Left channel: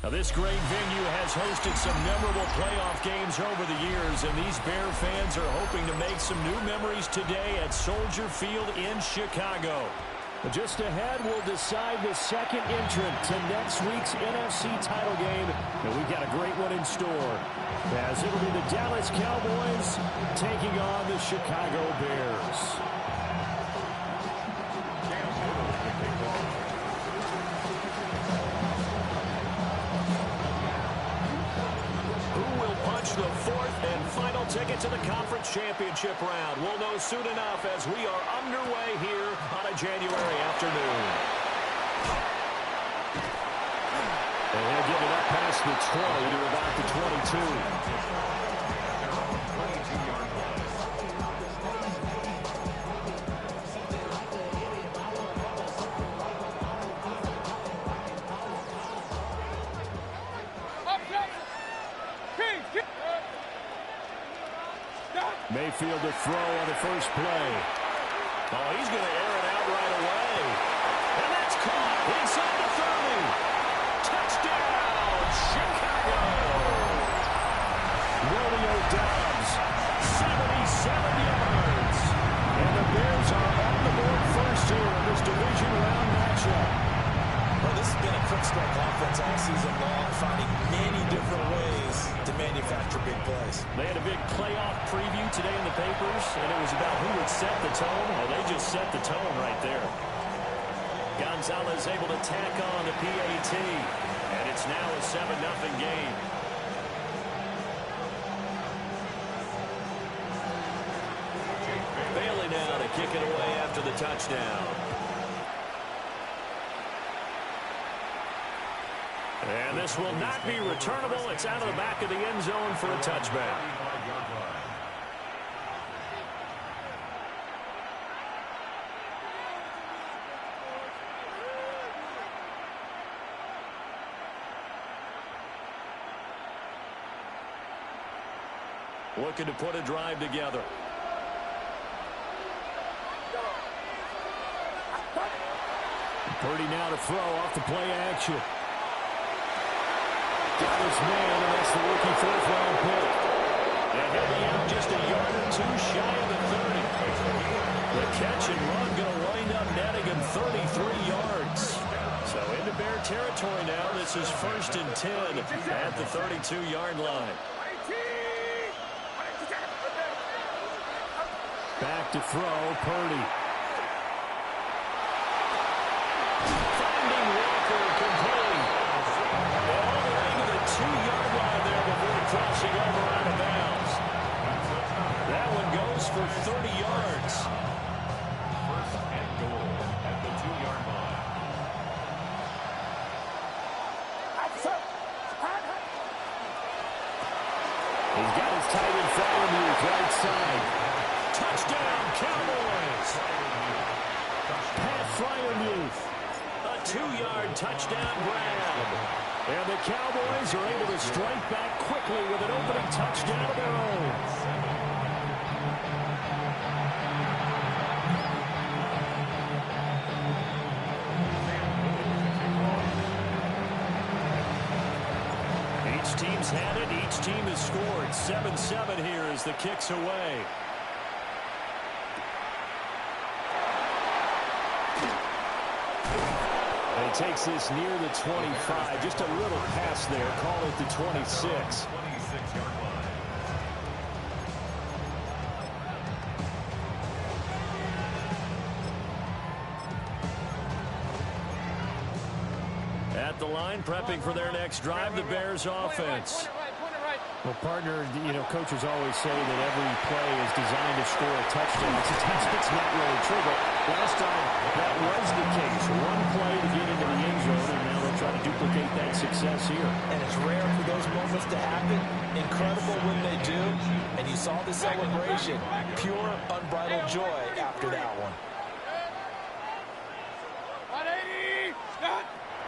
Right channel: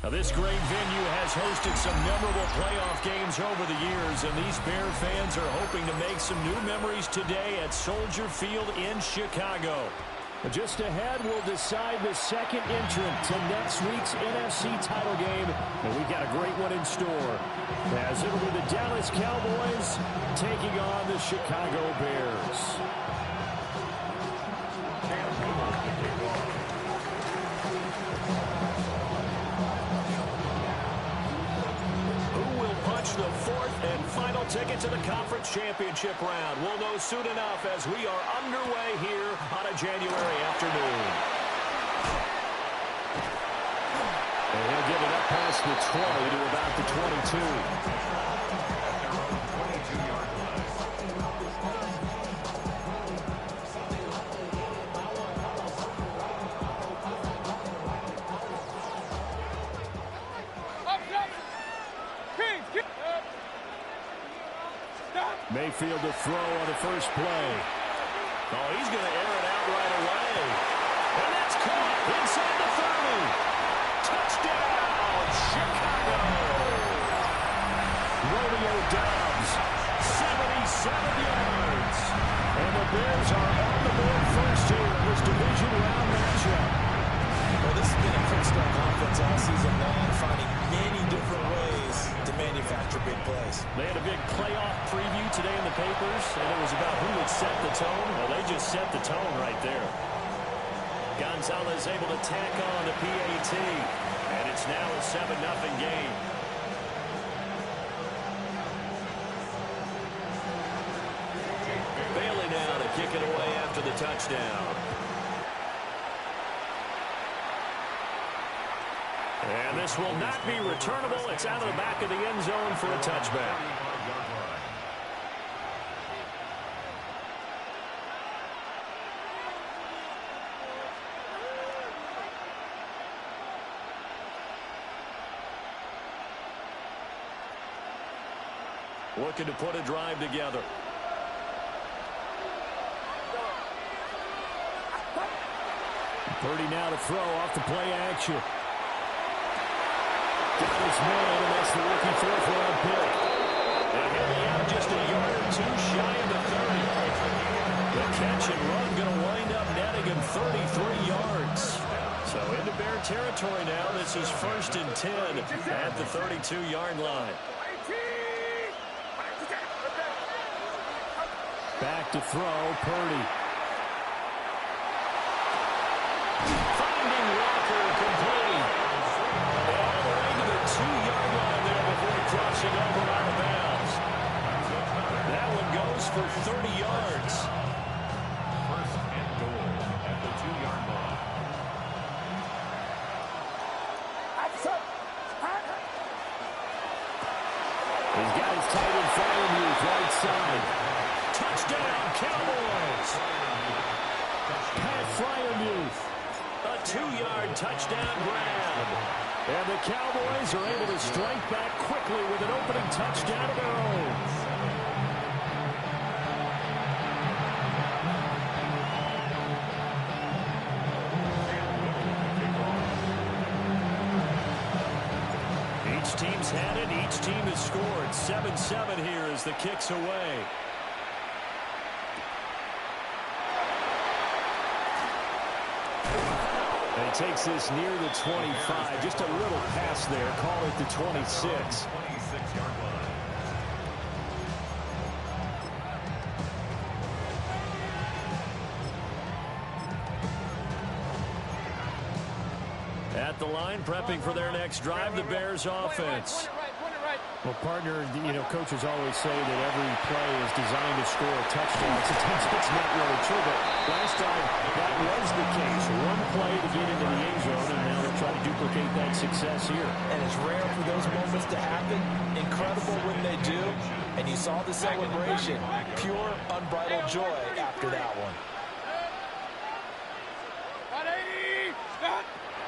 Now, this great venue has hosted some memorable playoff games over the years, and these Bear fans are hoping to make some new memories today at Soldier Field in Chicago. But just ahead, we'll decide the second entrant to next week's NFC title game, and we've got a great one in store, as it'll be the Dallas Cowboys taking on the Chicago Bears. The fourth and final ticket to the conference championship round. We'll know soon enough as we are underway here on a January afternoon. And he'll get it up past the 20 to about the 22. At their own 22-yard line. Mayfield to throw on the first play. Oh, he's going to air it out right away. And that's caught inside the 30. Touchdown, Chicago. Romeo Doubs, 77 yards. And the Bears are on the board first here in this division round matchup. Well, this has been a quick strike offense all season long, finding many different ways to manufacture big plays. They had a big playoff preview today in the papers, and it was about who would set the tone. Well, they just set the tone right there. Gonzalez able to tack on the PAT, and it's now a 7-0 game. Bailey now to kick it away after the touchdown. And this will not be returnable. It's out of the back of the end zone for a touchback. Looking to put a drive together. Purdy now to throw off the play action. Got his man, and that's the rookie fourth-round pick. And he'll be out just a yard or two shy of the 30. The catch and run going to wind up netting him 33 yards. So into Bear territory now. This is 1st and 10 at the 32-yard line. Back to throw, Purdy. Finding Walker complete. And all the way to the 2-yard line there before crossing over out of bounds. That one goes for 30 yards. 1st and goal at the 2-yard line. He's got his tight end Freiermuth right side. Touchdown, Cowboys. Pat Freiermuth. A 2-yard touchdown grab. And the Cowboys are able to strike back quickly with an opening touchdown of their own. Each team's had it. Each team has scored. 7-7 here as the kick's away. And he takes this near the 25. Just a little pass there. Call it the 26. 26-yard line. At the line, prepping for their next drive, the Bears offense. Well, partner, you know, coaches always say that every play is designed to score a touchdown. Sometimes it's not really true, but last time that was the case. One play to get into the end zone, and now they'll try to duplicate that success here. And it's rare for those moments to happen. Incredible when they do. And you saw the celebration. Pure, unbridled joy after that one.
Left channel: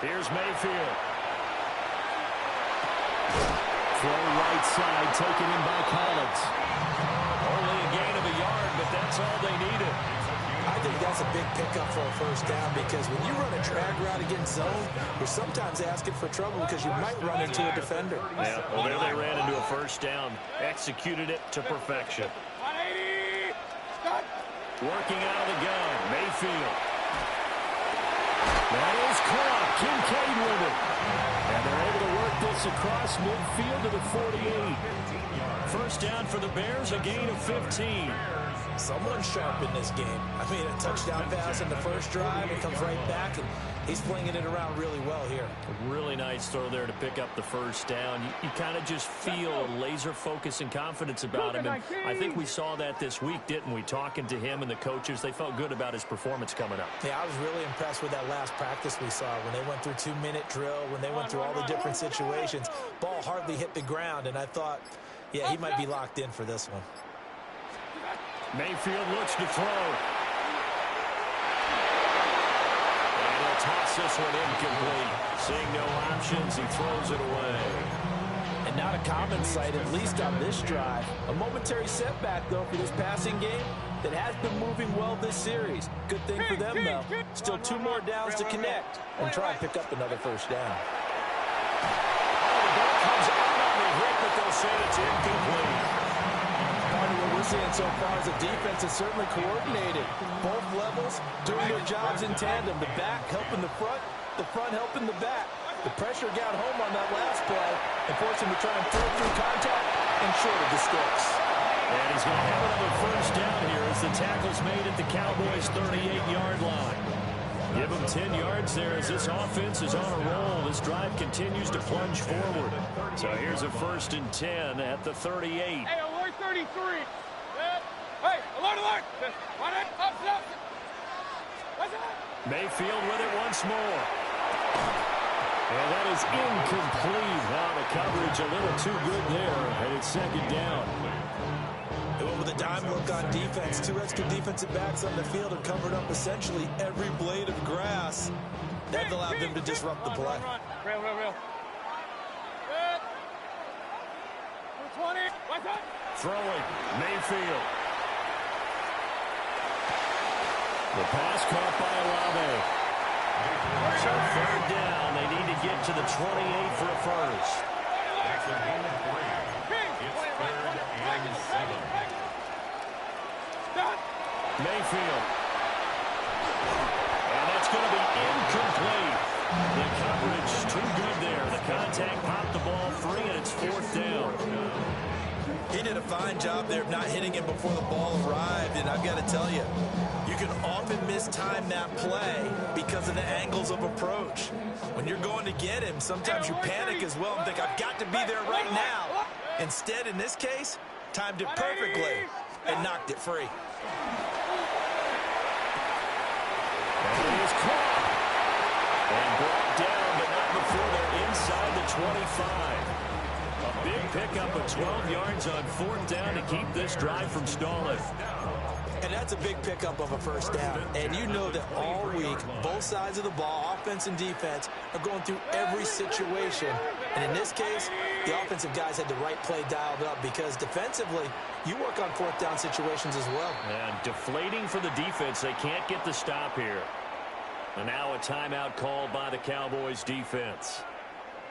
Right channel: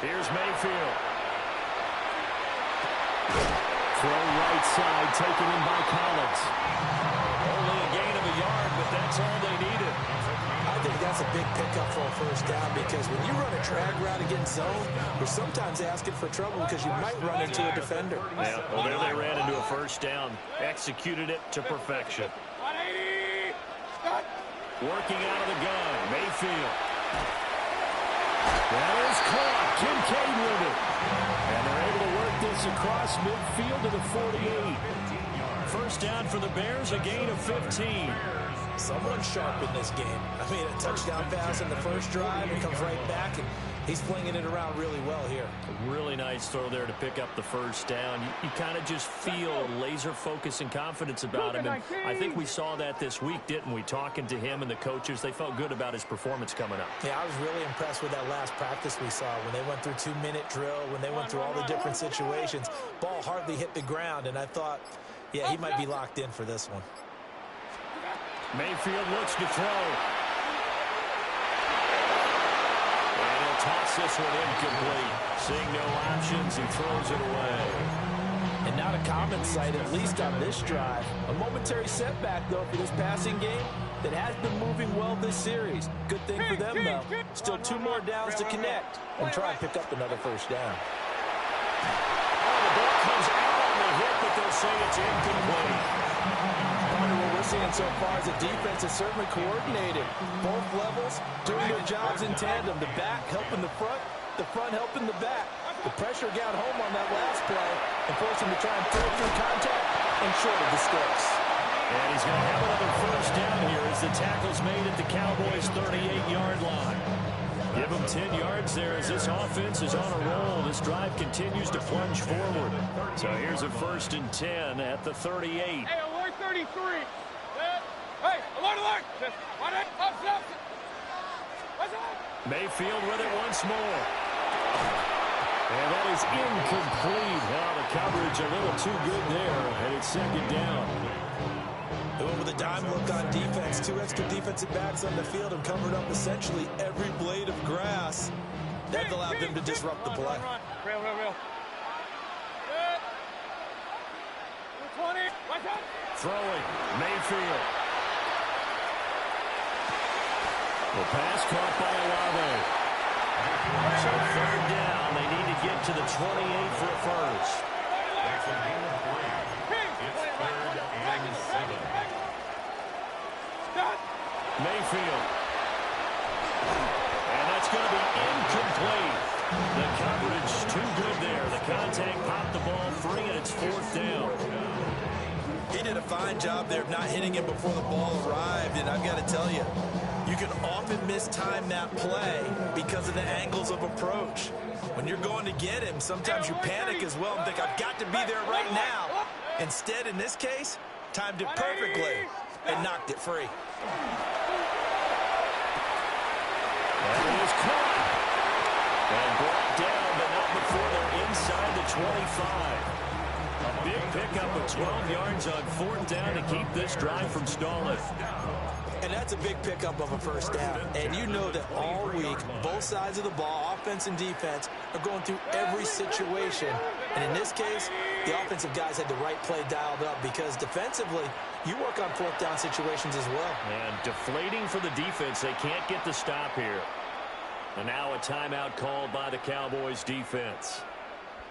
Here's Mayfield. Throw right side, taken in by Collins. Only a gain of a yard, but that's all they needed. I think that's a big pickup for a first down because when you run a drag route against zone, you're sometimes asking for trouble because you might run into a defender. Yeah, well, there they ran into a first down. Executed it to perfection. 180. Working out of the gun, Mayfield. That is caught. Kincaid with it. And they're able to work this across midfield to the 48. First down for the Bears, a gain of 15. Someone's sharp in this game. I mean, a touchdown pass in the first drive and comes right back, and he's flinging it around really well here. A really nice throw there to pick up the first down. You kind of just feel a laser focus and confidence about him. And I think we saw that this week, didn't we? Talking to him and the coaches, they felt good about his performance coming up. Yeah, I was really impressed with that last practice we saw when they went through 2-minute drill, when they went through all the different situations. Ball hardly hit the ground, and I thought, yeah, he might be locked in for this one. Mayfield looks to throw. And he'll toss this one incomplete. Seeing no options, he throws it away. And not a common sight, at least on this drive. A momentary setback, though, for this passing game that has been moving well this series. Good thing for them, though. Still 2 more downs to connect and try and pick up another first down. Oh, the ball comes out on the hit, but they'll say it's incomplete. Part of what we're seeing so far is the defense is certainly coordinated. Both levels doing their jobs in tandem. The back helping the front helping the back. The pressure got home on that last play and forced him to try and throw through contact and short of the sticks. And he's going to have another first down here as the tackle's made at the Cowboys' 38-yard line. Give them 10 yards there as this offense is on a roll. This drive continues to plunge forward. So here's a 1st and 10 at the 38. Hey, alert 33. Hey, alert. What's that? Mayfield with it once more. And that is incomplete. Now the coverage a little too good there, and it's 2nd down. They went with a dime look on defense. 2 extra defensive backs on the field and covered up essentially every blade of grass. That allowed them to disrupt the play. Run. Real. Good. 20. What's that? Throwing, Mayfield. The pass caught by Olave. So 3rd down, they need to get to the 28 for a first. That's a gain of 3. It's 3rd and 7. Mayfield. And that's going to be incomplete. The coverage too good there. The contact popped the ball free, and it's 4th down. He did a fine job there of not hitting him before the ball arrived, and I've got to tell you, you can often mistime that play because of the angles of approach. When you're going to get him, sometimes you panic as well and think, I've got to be there right now. Instead, in this case, timed it perfectly and knocked it free. And it is caught. And brought down, but not before they're inside the 25. A big pickup of 12 yards on 4th down to keep this drive from stalling. And that's a big pickup of a first down. And you know that all week, both sides of the ball, offense and defense, are going through every situation. And in this case, the offensive guys had the right play dialed up because defensively, you work on 4th down situations as well. And deflating for the defense. They can't get the stop here. And now a timeout called by the Cowboys defense.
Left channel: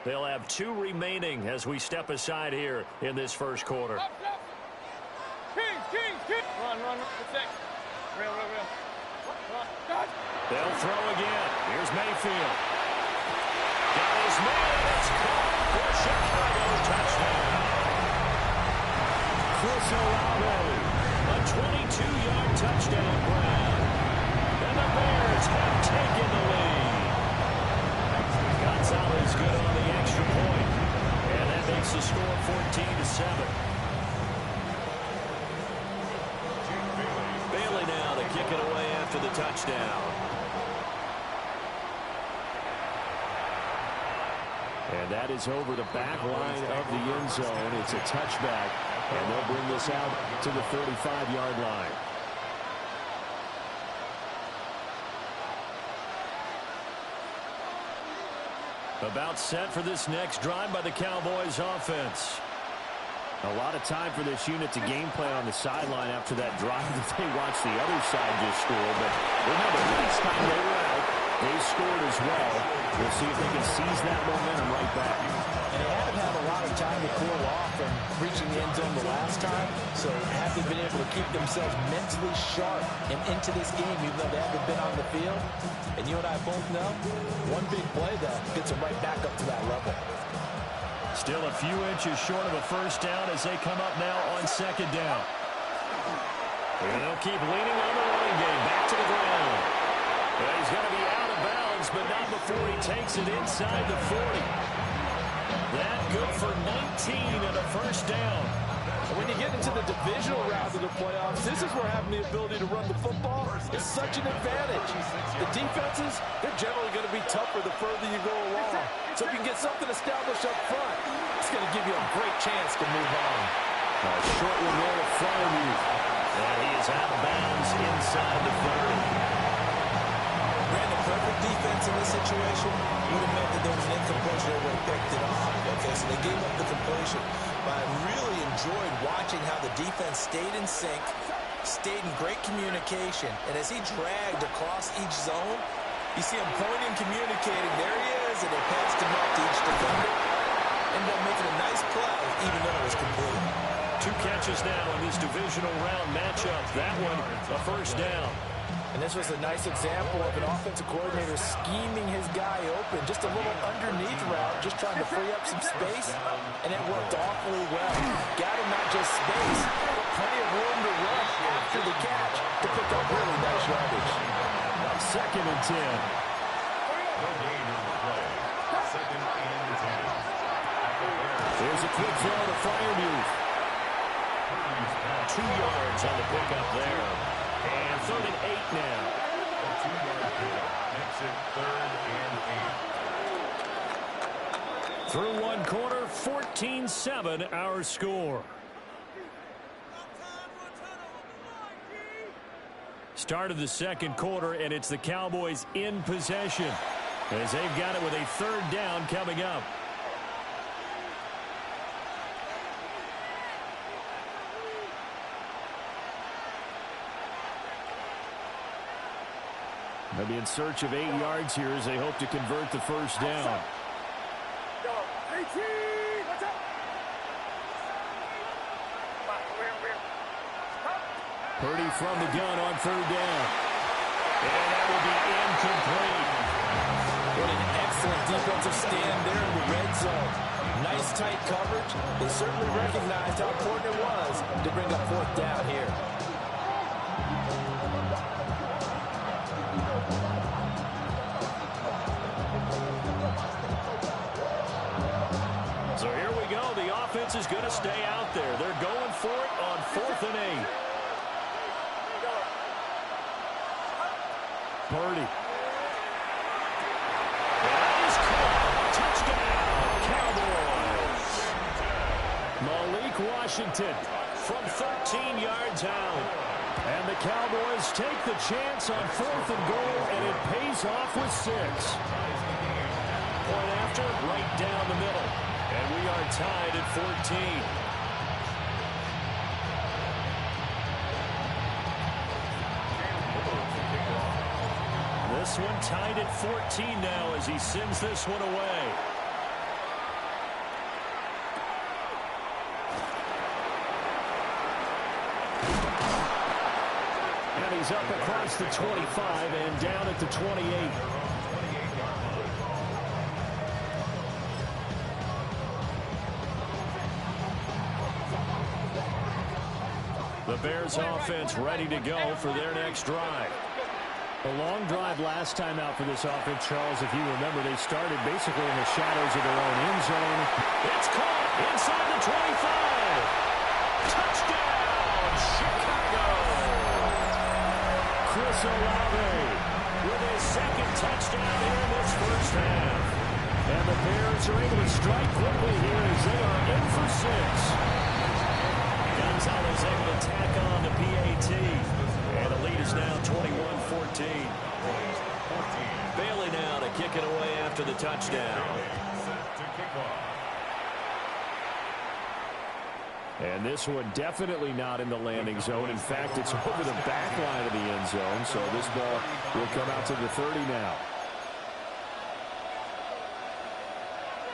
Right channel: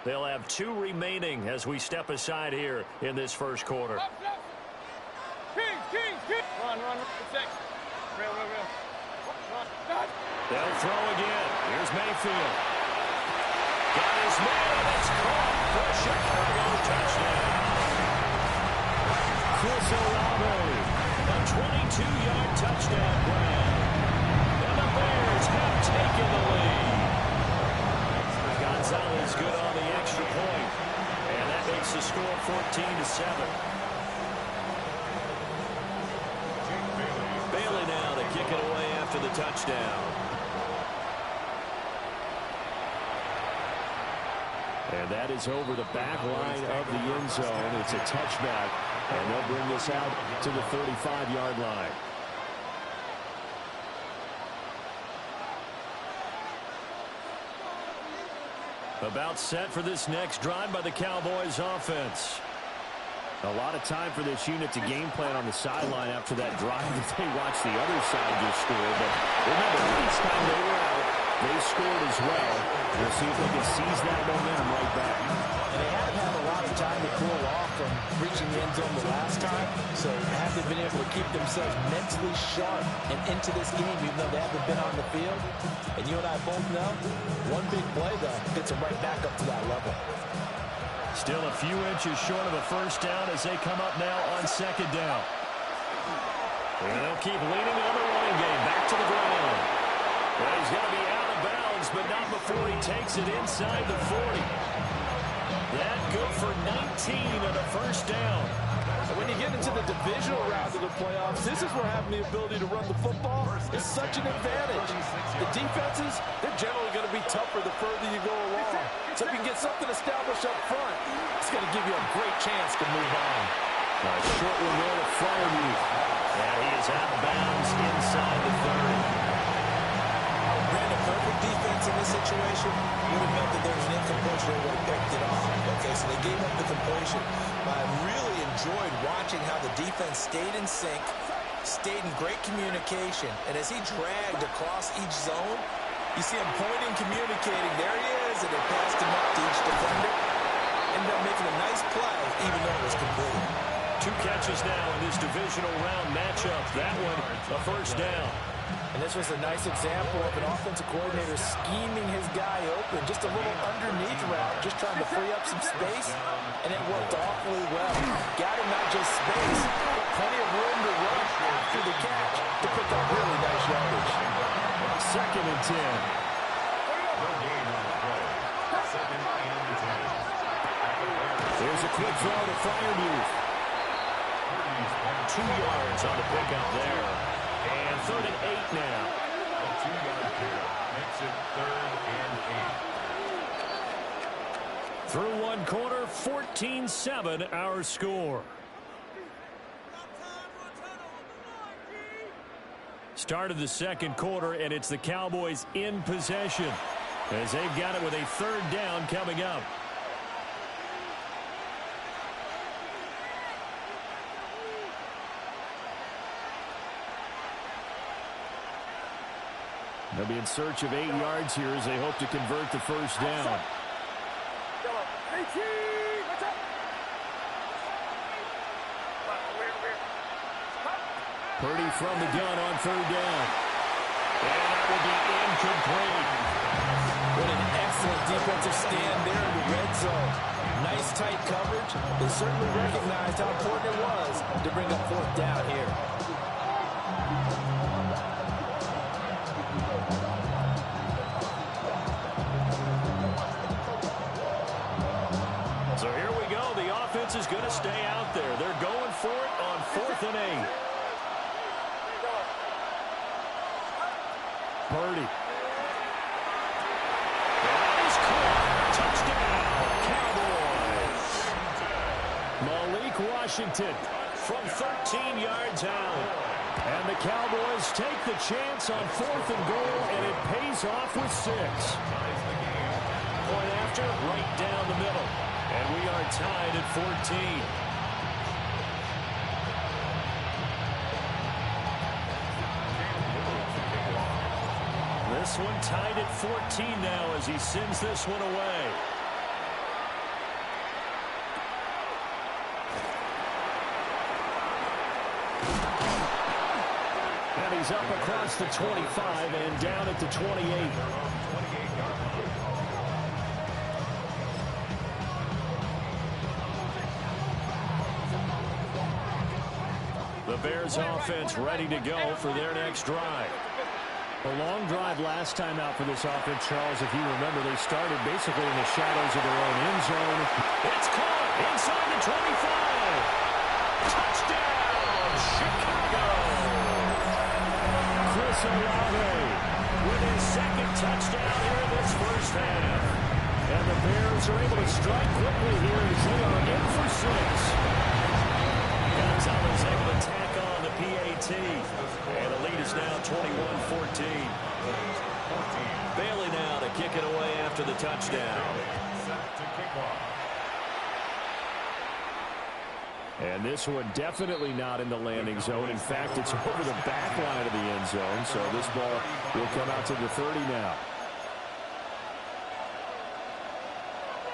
They'll have 2 remaining as we step aside here in this first quarter. Kings. Run. Protect. Real. Run. They'll throw again. Here's Mayfield. Got his man, and it's caught for a Chicago touchdown. Chris Olave, a 22-yard touchdown grab. And the Bears have taken the lead. Gonzalez good on the extra point. And that makes the score 14-7. Bailey now to kick it away after the touchdown. And that is over the back line of the end zone. It's a touchback, and they'll bring this out to the 35-yard line. About set for this next drive by the Cowboys offense. A lot of time for this unit to game plan on the sideline after that drive that they watched the other side just score. But remember, last time they were out, they scored as well. We'll see if they can seize that momentum right back. And they haven't had a lot of time to cool off from reaching the end zone the last time. So haven't been able to keep themselves mentally sharp and into this game, even though they haven't been on the field. And you and I both know, one big play, though, gets them right back up to that level. Still a few inches short of a first down as they come up now on second down. And they'll keep leaning on the running game. Back to the ground. Well, he's going to be out of bounds, but not before he takes it inside the 40. That good for 19 and a first down. And when you get into the divisional round of the playoffs, this is where having the ability to run the football is such an advantage. The defenses, they're generally going to be tougher the further you go along. So if you can get something established up front, it's going to give you a great chance to move on. A short one there to Fryermuth. And he is out of bounds inside the 30. Brandon, perfect defense in this situation would have meant that there was an incompletion that would have picked it off. Okay, so they gave up the completion. But I really enjoyed watching how the defense stayed in sync, stayed in great communication, and as he dragged across each zone, you see him pointing, communicating. There he is, and they passed him up to each defender. Ended up making a nice play, even though it was complete. 2 catches now in this divisional round matchup. That one, a first down. And this was a nice example of an offensive coordinator scheming his guy open. Just a little underneath route, just trying to free up some space, and it worked awfully well. Got him not just space, but plenty of room to run after the catch to pick up really nice yardage. Second and 10. No gain on the play. Second and 10. Here's a quick throw to Fryermuth. 2 yards on the pickup there. And 3rd and 8 now. A 2-yard pickup makes it 3rd and 8. Through one quarter, 14-7 our score. Start of the second quarter, and it's the Cowboys in possession as they've got it with a 3rd down coming up. They'll be in search of 8 yards here as they hope to convert the first down. Purdy from the gun on 3rd down. And that will be incomplete. What an excellent defensive stand there in the red zone. Nice tight coverage. They certainly recognized how important it was to bring up 4th down here. So here we go. The offense is going to stay out there. They're going for it on 4th and 8. Purdy. And that is caught. Touchdown, Cowboys. Malik Washington from 13 yards out. And the Cowboys take the chance on 4th and goal, and it pays off with 6. Point after, right down the middle. And we are tied at 14. This one tied at 14 now as he sends this one away. And he's up across the 25 and down at the 28. The Bears offense ready to go for their next drive. A long drive last time out for this offense, Charles. If you remember, they started basically in the shadows of their own end zone. It's caught inside the 25. Touchdown, Chicago. Chris Olave with his 2nd touchdown here in this first half. And the Bears are able to strike quickly here as they are in for 6. Gonzalez able to tack on the PAT. And the lead is now 21-14. Bailey now to kick it away after the touchdown. Set to kick off. And this one definitely not in the landing zone. In fact, it's over the back line of the end zone. So this ball will come out to the 30 now.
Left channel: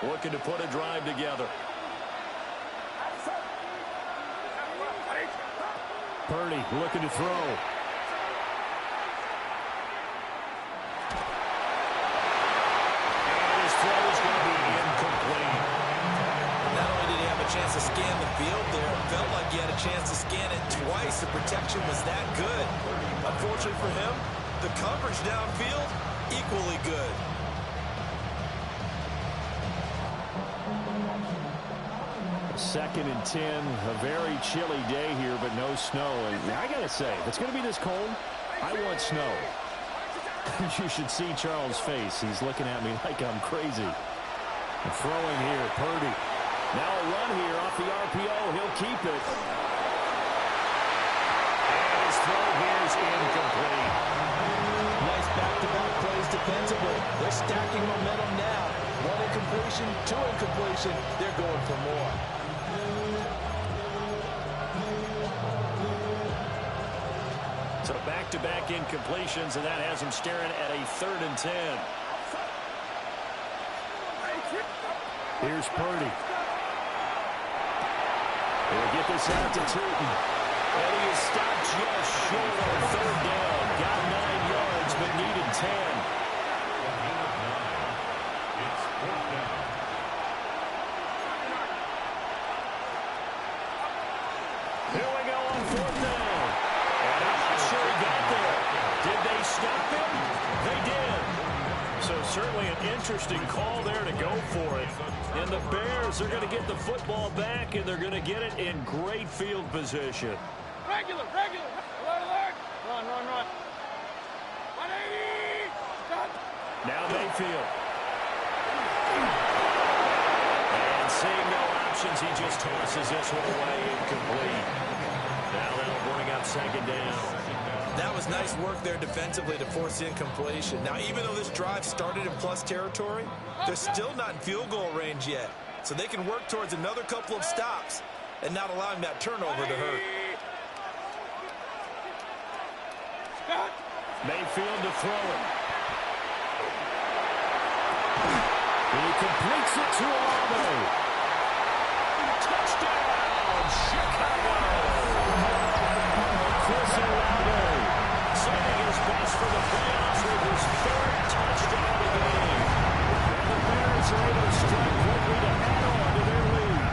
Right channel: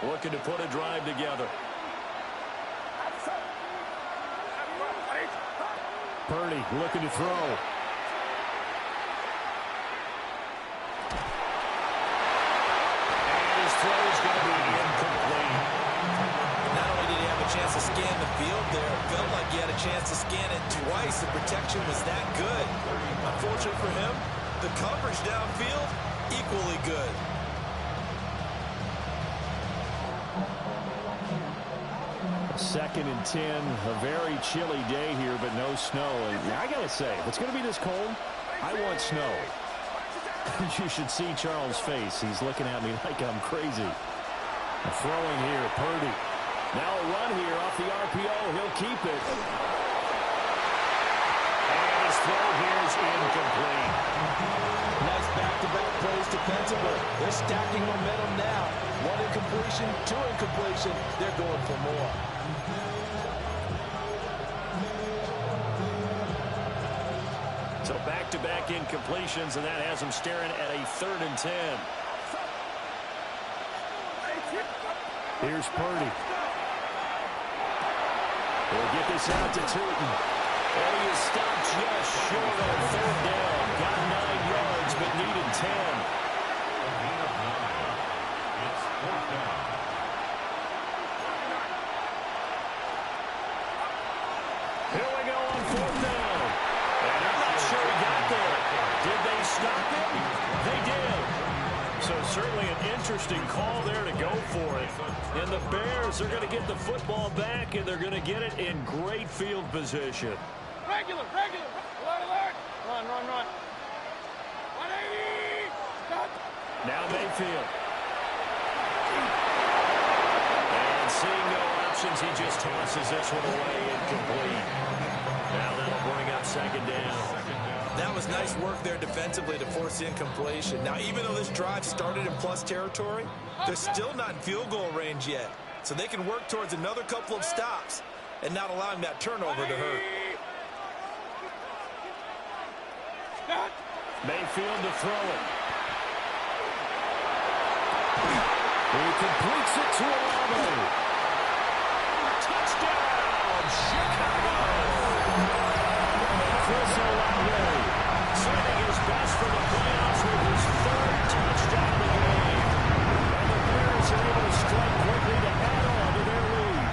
Looking to put a drive together. Purdy looking to throw. And his throw is going to be incomplete. Not only did he have a chance to scan the field there, it felt like he had a chance to scan it twice. The protection was that good. Unfortunately for him, the coverage downfield, equally good. Second and 10, a very chilly day here, but no snow. And I got to say, if it's going to be this cold, I want snow. You should see Charles' face. He's looking at me like I'm crazy. Throwing here, Purdy. Now a run here off the RPO. He'll keep it. And his throw here is incomplete. Nice back-to-back plays defensively. They're stacking momentum now. One incompletion, two incompletion. They're going for more. So back-to-back incompletions, and that has them staring at a 3rd and 10. Here's Purdy. He'll get this out to Tootin. And he is stopped just short on 3rd down. Got 9 yards, but needed 10. A gain of 9. It's 4th down. Here we go on 4th down. And I'm not sure he got there. Did they stop him? They did. So certainly an interesting call there to go for it. And the Bears are going to get the football back, and they're going to get it in great field position. Regular. Alert. Run. 180. Cut. Now Mayfield. And seeing no options, he just tosses this one away, incomplete. Now that'll bring up 2nd down. That was nice work there defensively to force the incompletion. Now, even though this drive started in plus territory, they're still not in field goal range yet. So they can work towards another couple of stops and not allowing that turnover to hurt. Mayfield to throw it. He completes it to Olave. Touchdown, Chicago! Chris Olave sending his best for the playoffs with his 3rd touchdown of the game. And the Bears are able to strike quickly to add on to their lead.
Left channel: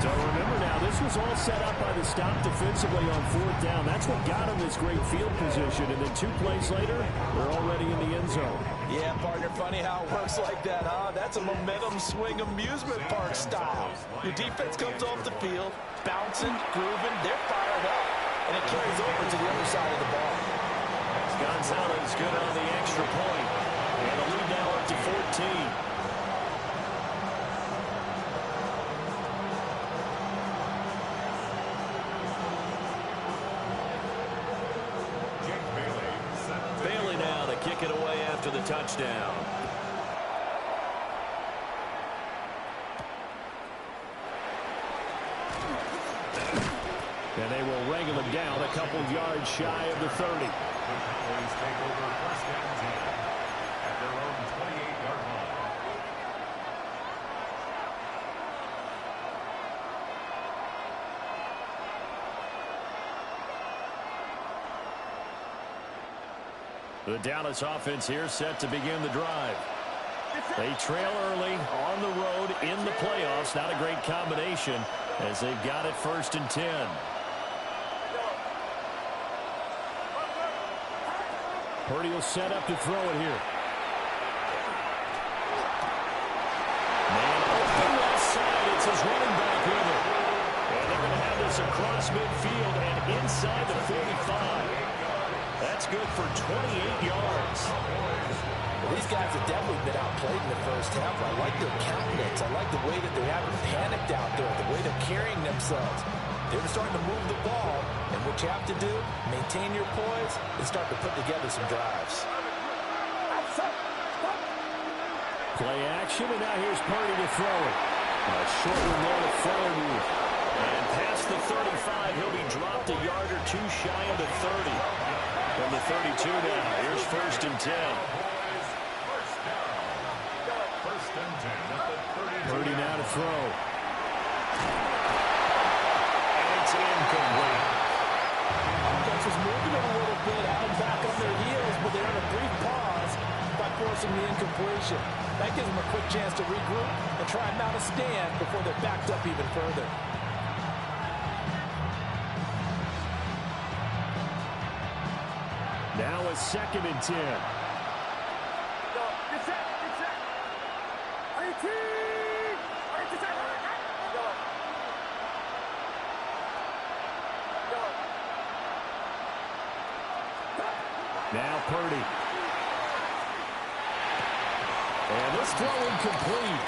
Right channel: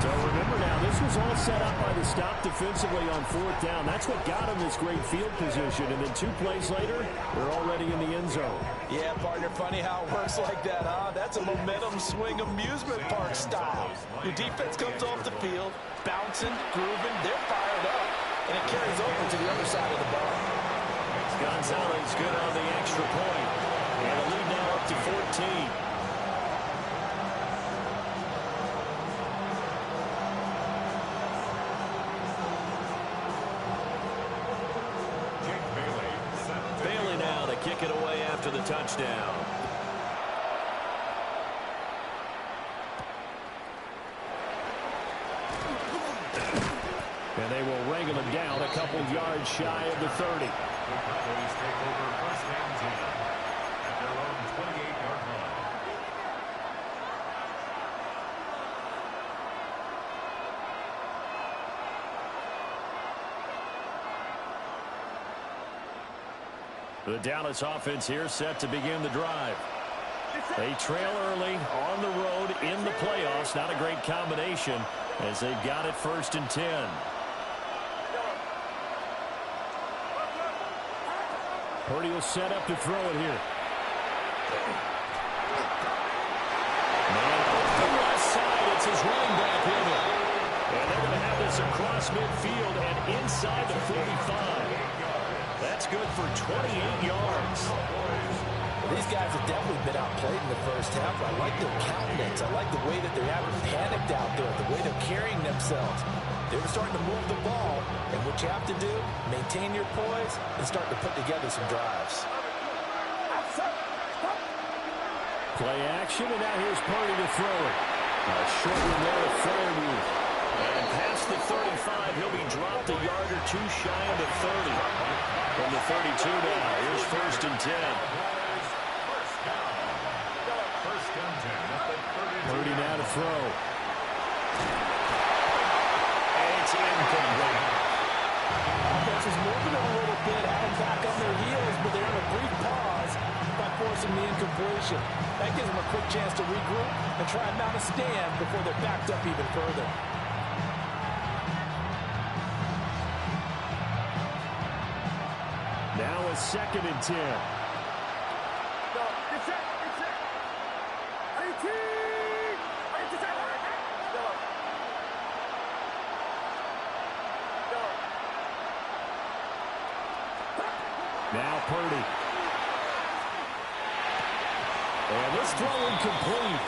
So remember now, this was all set up by the stop defensively on 4th down. That's what got him this great field position. And then 2 plays later, they're already in the end zone. Yeah, partner, funny how it works like that, huh? That's a momentum swing amusement park style. Your defense comes off the field, bouncing, grooving, they're fired up, and it carries over to the other side of the ball. Gonzalez good on the extra point. And the lead now up to 14. Bailey now to kick it away after the touchdown. And they will wrangle him down a couple yards shy of the 30. The Cowboys take over 1st and 10 at their own 28-yard line. The Dallas offense here set to begin the drive. They trail early on the road in the playoffs. Not a great combination as they've got it 1st and 10. Purdy will set up to throw it here. Man open left side. It's his running back with it. And they're going to have this across midfield and inside the 45. That's good for 28 yards. Well, these guys have definitely been outplayed in the first half. I like their countenance. I like the way that they haven't panicked out there, the way they're carrying themselves. They're starting to move the ball, and what you have to do, maintain your poise and start to put together some drives. Play action, and now here's Purdy to throw it. A short one there to Freiermuth. And past the 35, he'll be dropped a yard or two shy of the 30. From the 32 now, here's 1st and 10. First and 10 at the 32. Purdy now to throw. And it's incomplete. Offense is moving a little bit, had them back on their heels, but they're on a brief pause by forcing the incompletion. That gives them a quick chance to regroup and try and mount a stand before they're backed up even further. Now a 2nd and 10. Get set. Get set. 18. Now Purdy. And this throw incomplete.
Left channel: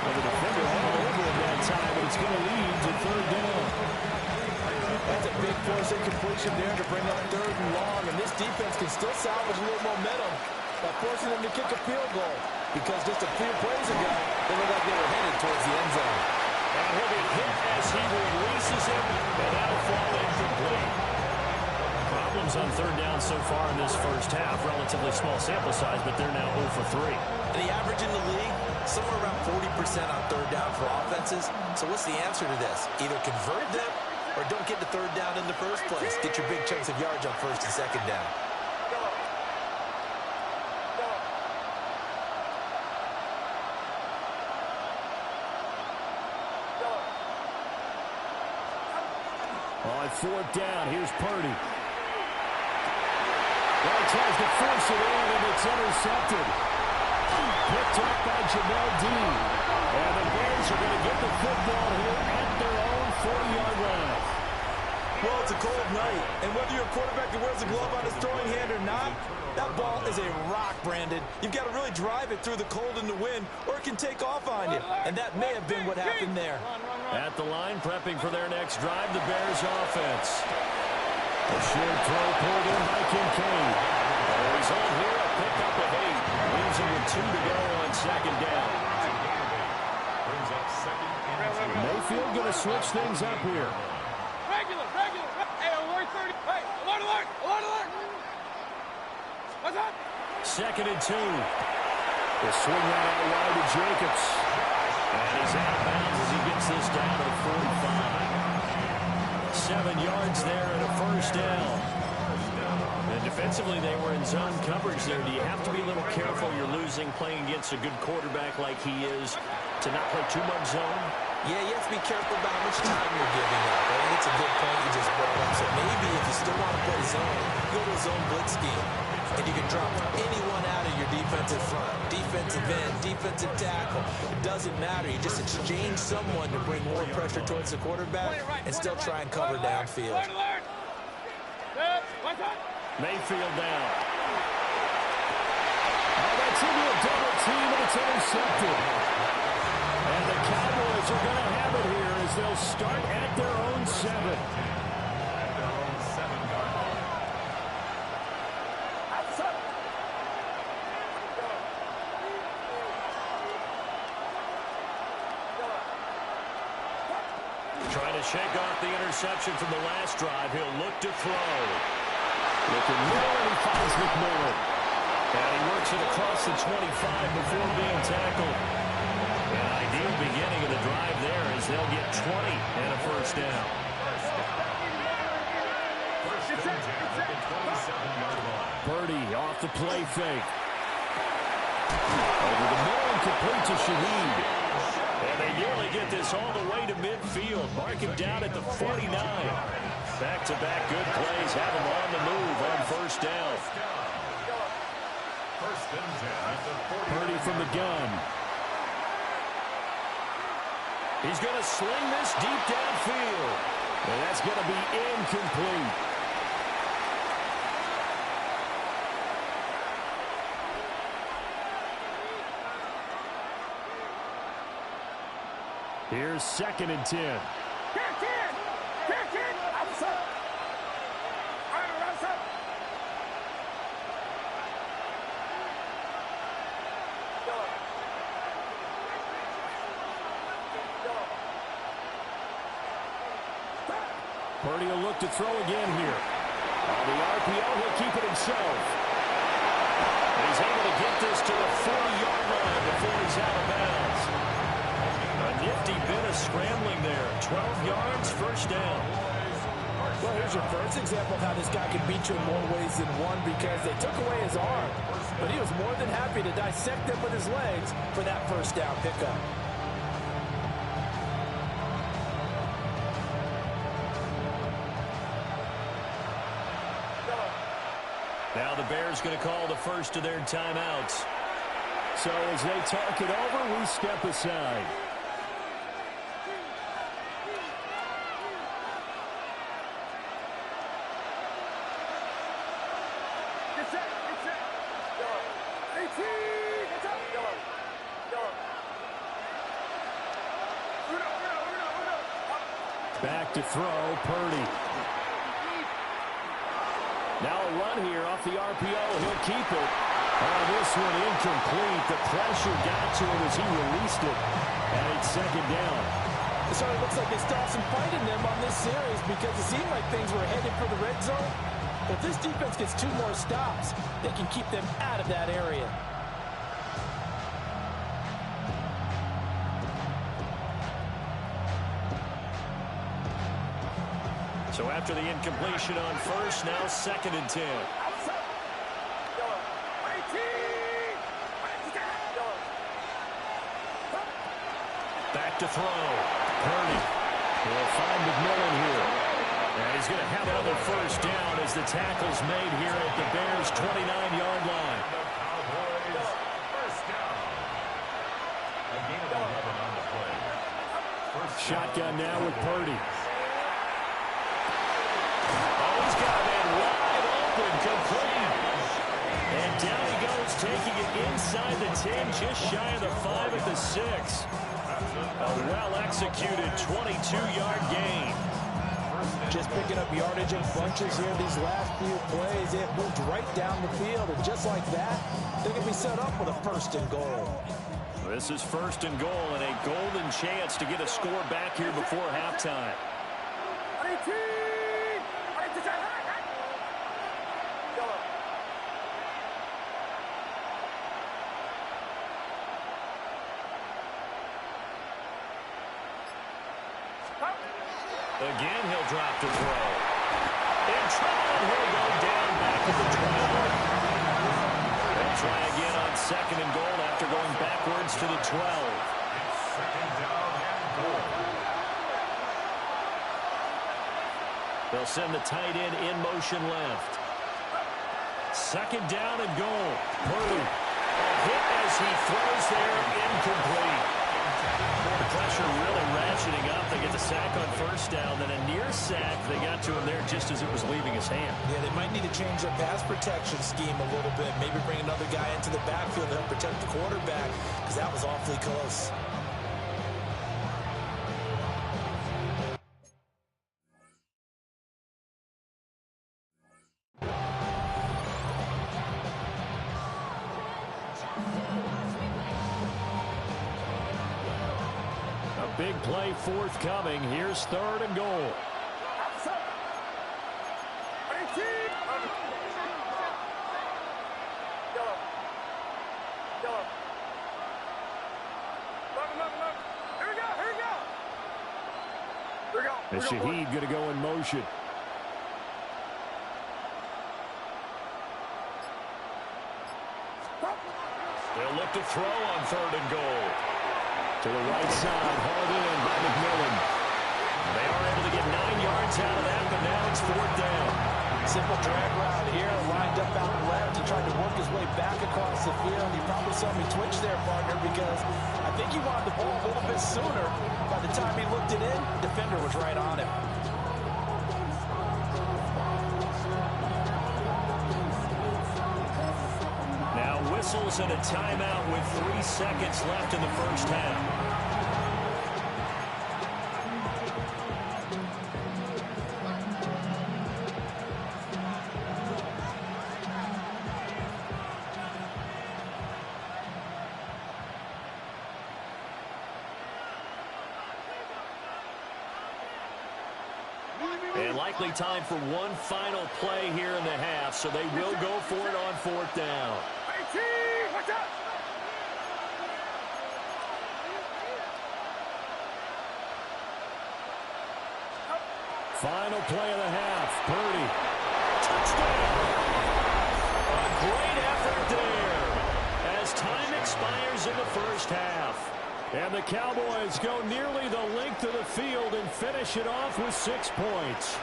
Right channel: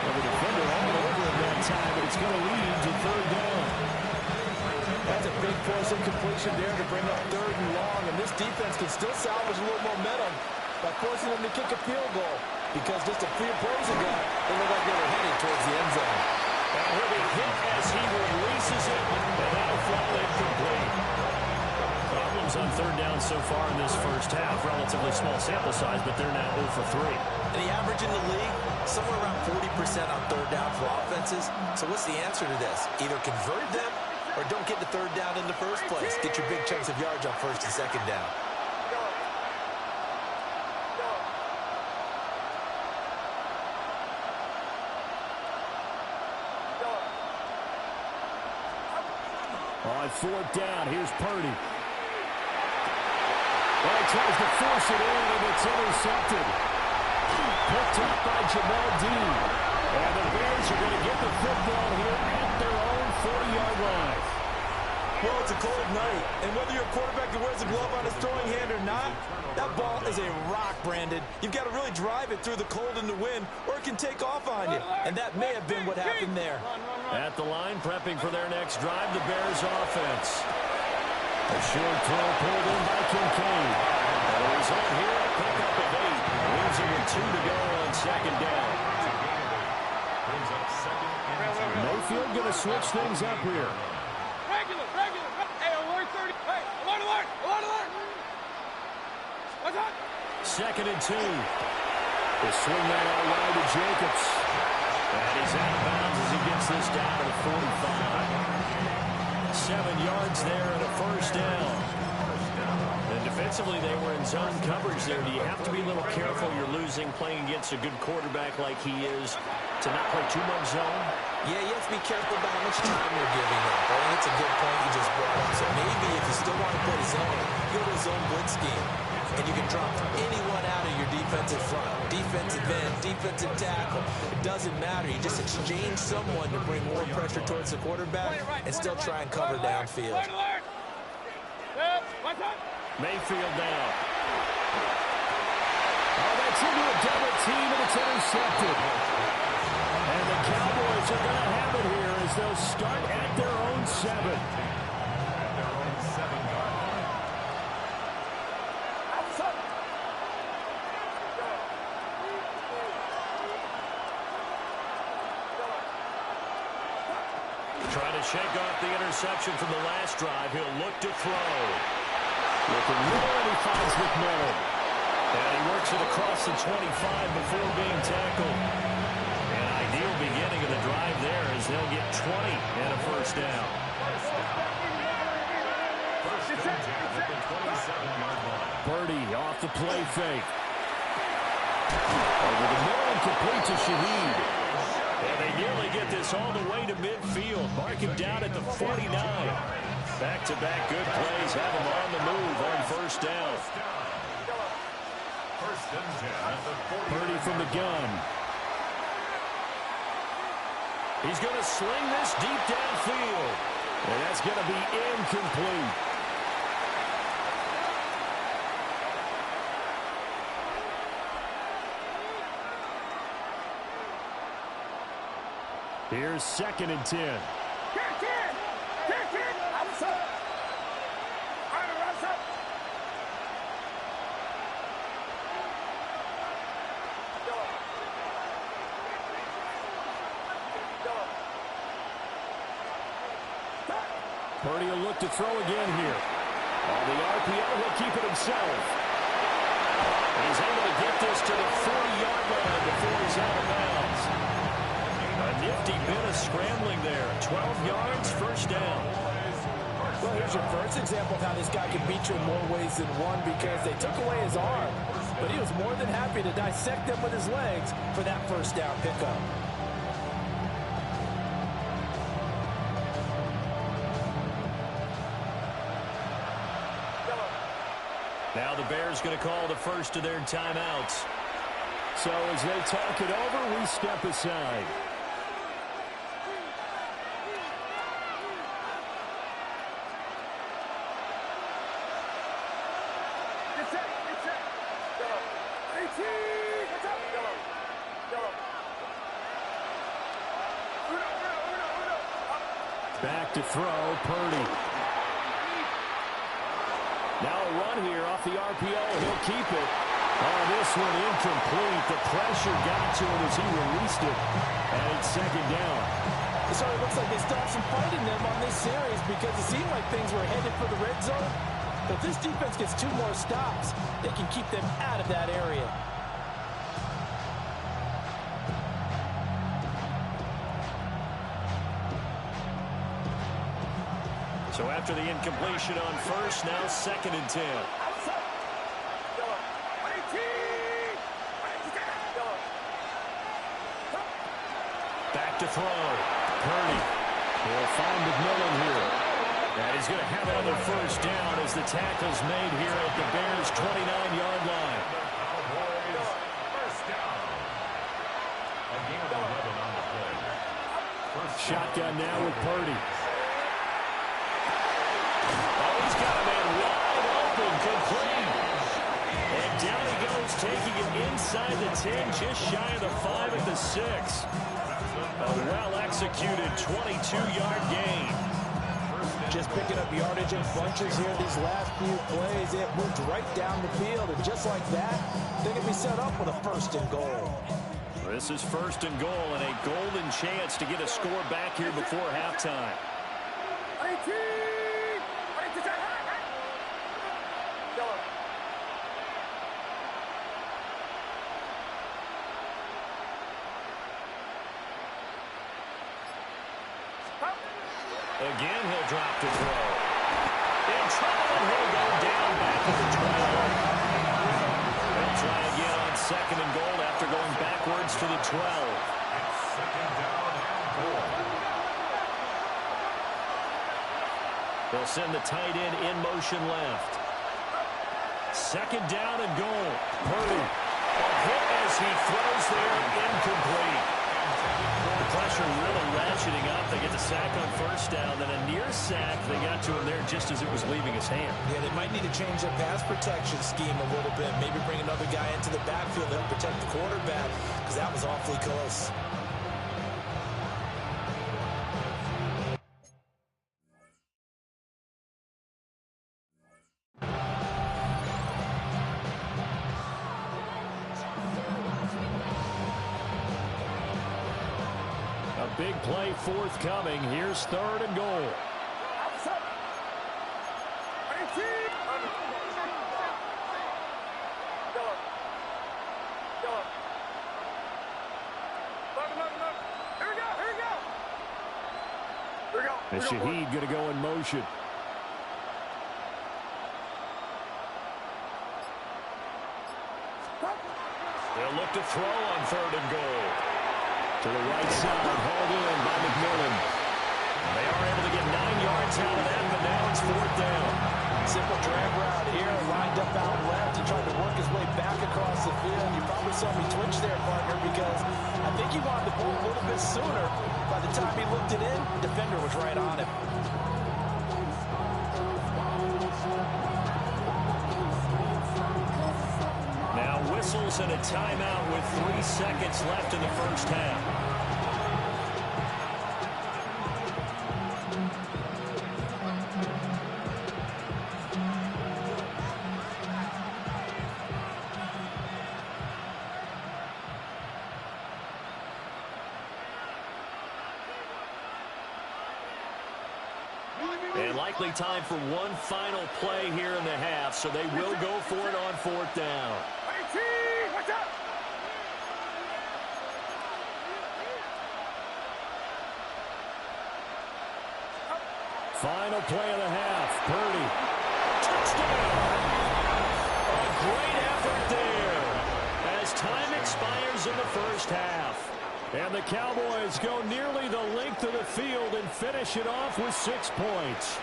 Well, the defender all over him that time, but it's going to lead to 3rd down. That's a big force incompletion there to bring up 3rd and long, and this defense can still salvage a little momentum by forcing them to kick a field goal, because just a few plays ago, they looked like they were headed towards the end zone. And he'll be hit as he releases it, and that'll fall incomplete. Problems on 3rd down so far in this first half. Relatively small sample size, but they're now 0 for 3. And the average in the league, somewhere around 40% on 3rd down for offenses. So what's the answer to this? Either convert them or don't get to 3rd down in the first place. Get your big chunks of yards on 1st and 2nd down. On 4th down, here's Purdy. Well, he tries to force it in, and it's intercepted. Picked up by Jamel Dean. And the Bears are going to get the football here at their own 40-yard line. Well, it's a cold night, and whether you're a quarterback that wears a glove on his throwing hand or not, that ball is a rock, Brandon. You've got to really drive it through the cold and the wind, or it can take off on you, and that may have been what happened there. At the line, prepping for their next drive, the Bears offense. A short throw pulled in by Kincaid. The result here, a pickup of 8. Leaves him with 2 to go on 2nd down. Brings up 2nd and 2. Mayfield going to switch things up here. Regular. Hey, alert 30. Hey, alert. What's up? 2nd and 2. They swing that out wide to Jacobs. And he's out of bounds as he gets this down to the 45. 7 yards there and a 1st down. And defensively, they were in zone coverage there. Do you have to be a little careful? You're losing playing against a good quarterback like he is to not play too much zone? Yeah, you have to be careful about how much time you're giving up. I think it's a good point you just brought up. So maybe if you still want to play zone, go to a zone blitz scheme. And you can drop anyone out of your defensive front. Defensive end, defensive tackle. It doesn't matter. You just exchange someone to bring more pressure towards the quarterback and still try and cover downfield. Mayfield down. Oh, that's into a double team, and it's intercepted. And the Cowboys are going to have it here as they'll start at their own 7. At their own 7-yard line. Trying to shake off the interception from the last drive. He'll look to throw. Looking middle, and he finds McMillan. And he works it across the 25 before being tackled. An ideal beginning of the drive there as they'll get 20 and a 1st down. First and 10 at the 27-yard line. Purdy off the play fake. Over the middle and complete to Shaheed. And they nearly get this all the way to midfield. Mark him down at the 49. Back-to-back good plays have him on the move on 1st down. First and 10 at the 40. Purdy from the gun. He's going to sling this deep downfield. And that's going to be incomplete. Here's 2nd and 10. Purdy will look to throw again here. On the RPO, he'll keep it himself. And he's able to get this to the 40-yard line before he's out of bounds. A nifty bit of scrambling there. 12 yards, first down. Well, here's your first example of how this guy can beat you in more ways than one, because they took away his arm, but he was more than happy to dissect them with his legs for that first down pickup. Now the Bears going to call the first of their timeouts. So as they talk it over, we step aside. Back to throw, Purdy. Now a run here off the RPO. He'll keep it. Oh, this one incomplete. The pressure got to him as he released it. And it's second down. It sort of looks like they still have some fight in them on this series, because it seemed like things were headed for the red zone. But if this defense gets 2 more stops, they can keep them out of that area. So after the incompletion on first, now second and 10. Back to throw. Purdy. He'll find McMillan here. And he's going to have another first down as the tackle's made here at the Bears' 29-yard line. The Cowboys, first down. A gain of 11 on the play. Shotgun now with Purdy. Oh, he's got a man wide open, complete. And down he goes, taking it inside the 10, just shy of the 5 at the 6. A well-executed 22-yard gain. Just picking up yardage in bunches here these last few plays. They have moved right down the field, and just like that, they can be set up with a first and goal. This is first and goal, and a golden chance to get a score back here before halftime. Again, he'll drop to throw. In trouble, and he'll go down back at the 12. They'll try again on second and goal after going backwards to the 12. It's second down and goal. They'll send the tight end in motion left. Second down and goal. Purdy. A hit as he throws there, incomplete. The pressure really ratcheting up. They get the sack on first down, then a near sack. They got to him there just as it was leaving his hand. Yeah, they might need to change their pass protection scheme a little bit. Maybe bring another guy into the backfield to help protect the quarterback, because that was awfully close. Big play forthcoming. Here's third and goal. And Shaheed going to go in motion. They'll look to throw on third and goal. To the right side, hauled in by McMillan. They are able to get 9 yards out of that, but now it's fourth down. Simple drag route here, lined up out left. He tried to work his way back across the field. You probably saw me twitch there, partner, because I think he wanted the ball a little bit sooner. By the time he looked it in, the defender was right on him. Now whistles and a timeout with 3 seconds left in the first half. And likely time for one final play here in the half, so they will go for it on 4th down. Final play of the half. Purdy. Touchdown. A great effort there as time expires in the first half. And the Cowboys go nearly the length of the field and finish it off with 6 points.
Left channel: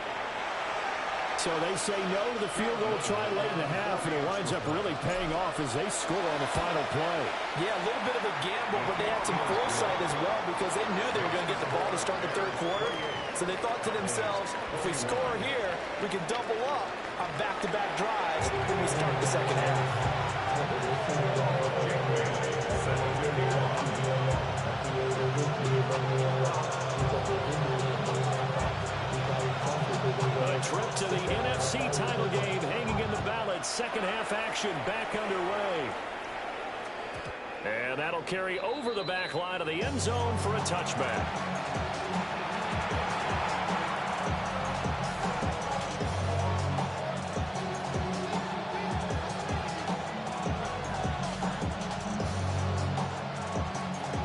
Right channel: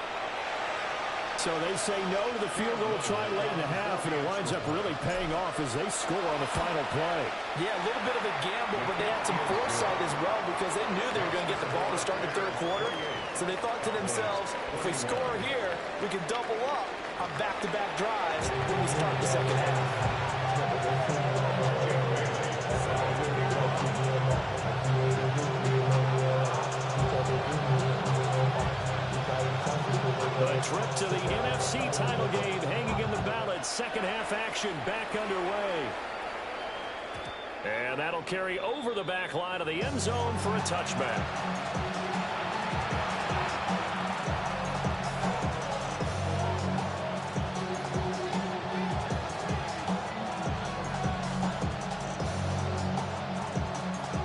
So they say no to the field goal try late in the half, and it winds up really paying off as they score on the final play. Yeah, a little bit of a gamble, but they had some foresight as well because they knew they were going to get the ball to start the third quarter. So they thought to themselves, if we score here, we can double up on back-to-back drives when we start the second half. A trip to the NFC title game hanging in the balance. Second half action back underway. And that'll carry over the back line of the end zone for a touchback.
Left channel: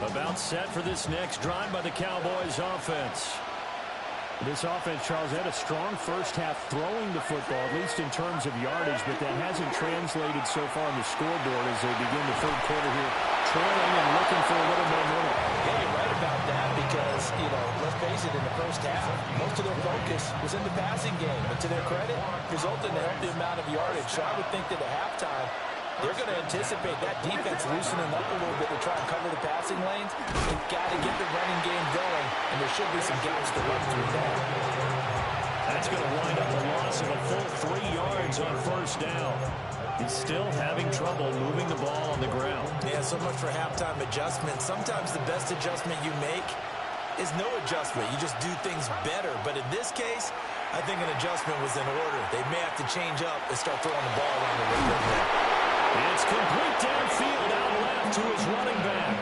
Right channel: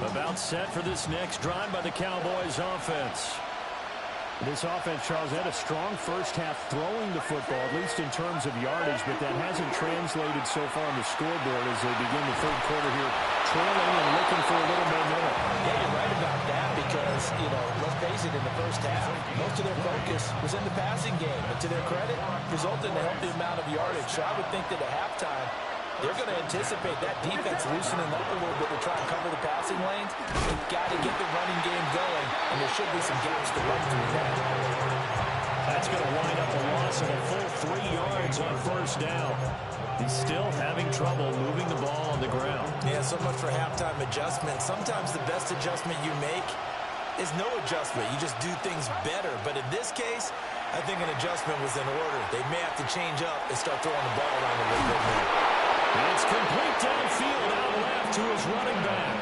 About set for this next drive by the Cowboys offense. This offense, Charles, had a strong first half throwing the football, at least in terms of yardage, but that hasn't translated so far on the scoreboard as they begin the third quarter here, trailing and looking for a little momentum. Yeah, you're right about that because, let's face it, in the first half, most of their focus was in the passing game. And to their credit, resulted in a healthy amount of yardage. So I would think that at halftime, they're going to anticipate that defense loosening up a little bit to try and cover the passing lanes. They've got to get the running game going, and there should be some gaps to run through there. That's going to wind up a loss of a full 3 yards on first down. He's still having trouble moving the ball on the ground. Yeah, so much for halftime adjustment. Sometimes the best adjustment you make is no adjustment. You just do things better. But in this case, I think an adjustment was in order. They may have to change up and start throwing the ball around a little bit more. It's complete downfield out left to his running back.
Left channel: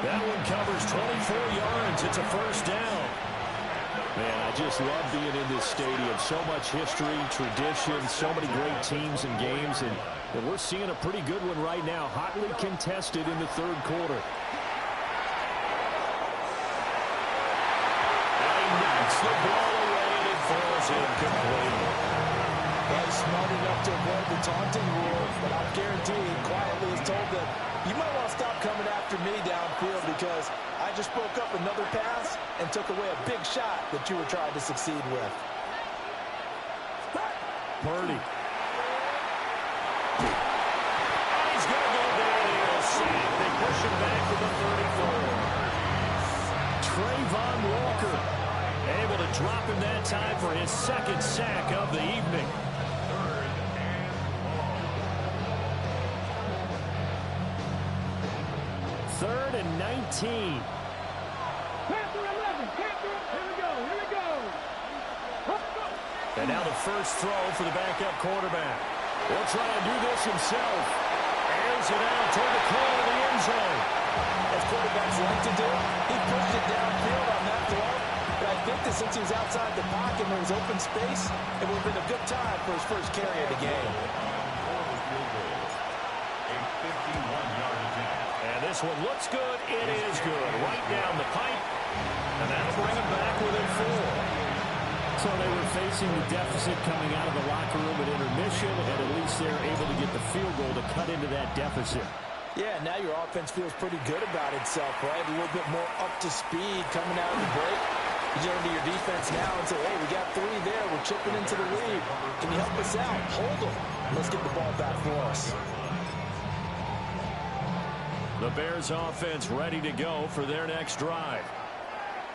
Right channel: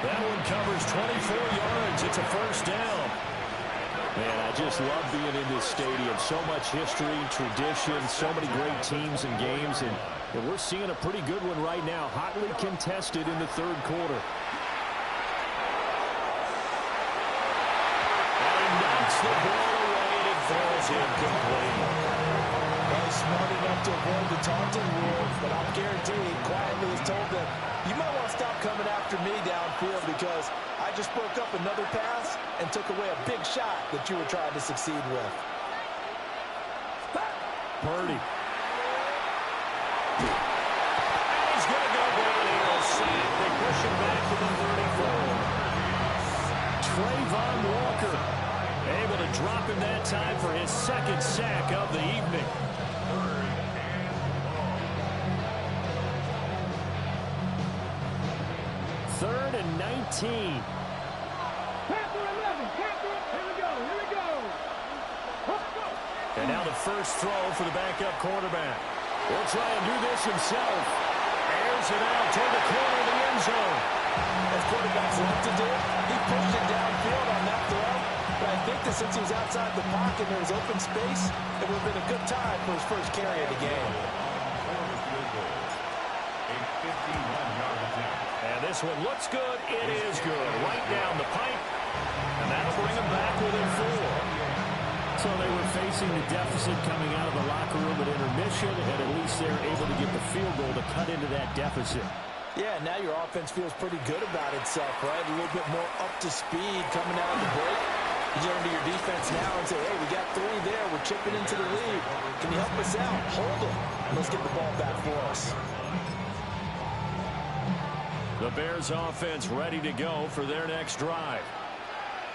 That one covers 24 yards. It's a first down. Man, I just love being in this stadium. So much history, tradition, so many great teams and games. And we're seeing a pretty good one right now, hotly contested in the third quarter. And he knocks the ball away, and it falls incomplete. Well, he's smart enough to avoid the taunting rule, but I'll guarantee he quietly has told them, you might want to stop coming after me downfield because I just broke up another pass and took away a big shot that you were trying to succeed with. Purdy. And he's going to go down here. A sack. They push him back to the 34. Trayvon Walker able to drop him that time for his second sack of the evening. Third and 19. Panther 11. Panther. Here we go. And now the first throw for the backup quarterback. He'll try and do this himself. Airs it out toward the corner of the end zone. As quarterbacks like to do, he pushed it downfield on that throw. But I think that since he was outside the pocket and there was open space, it would have been a good time for his first carry of the game. A 51-yard attempt. And this one looks good. It is good. Right down the pipe. And that'll bring him back within 4. So they were facing the deficit coming out of the locker room at intermission, and at least they're able to get the field goal to cut into that deficit. Yeah, now your offense feels pretty good about itself, right? A little bit more up to speed coming out of the break. You turn to your defense now and say, hey, we got 3 there. We're chipping into the lead. Can you help us out? Hold them. Let's get the ball back for us. The Bears offense ready to go for their next drive.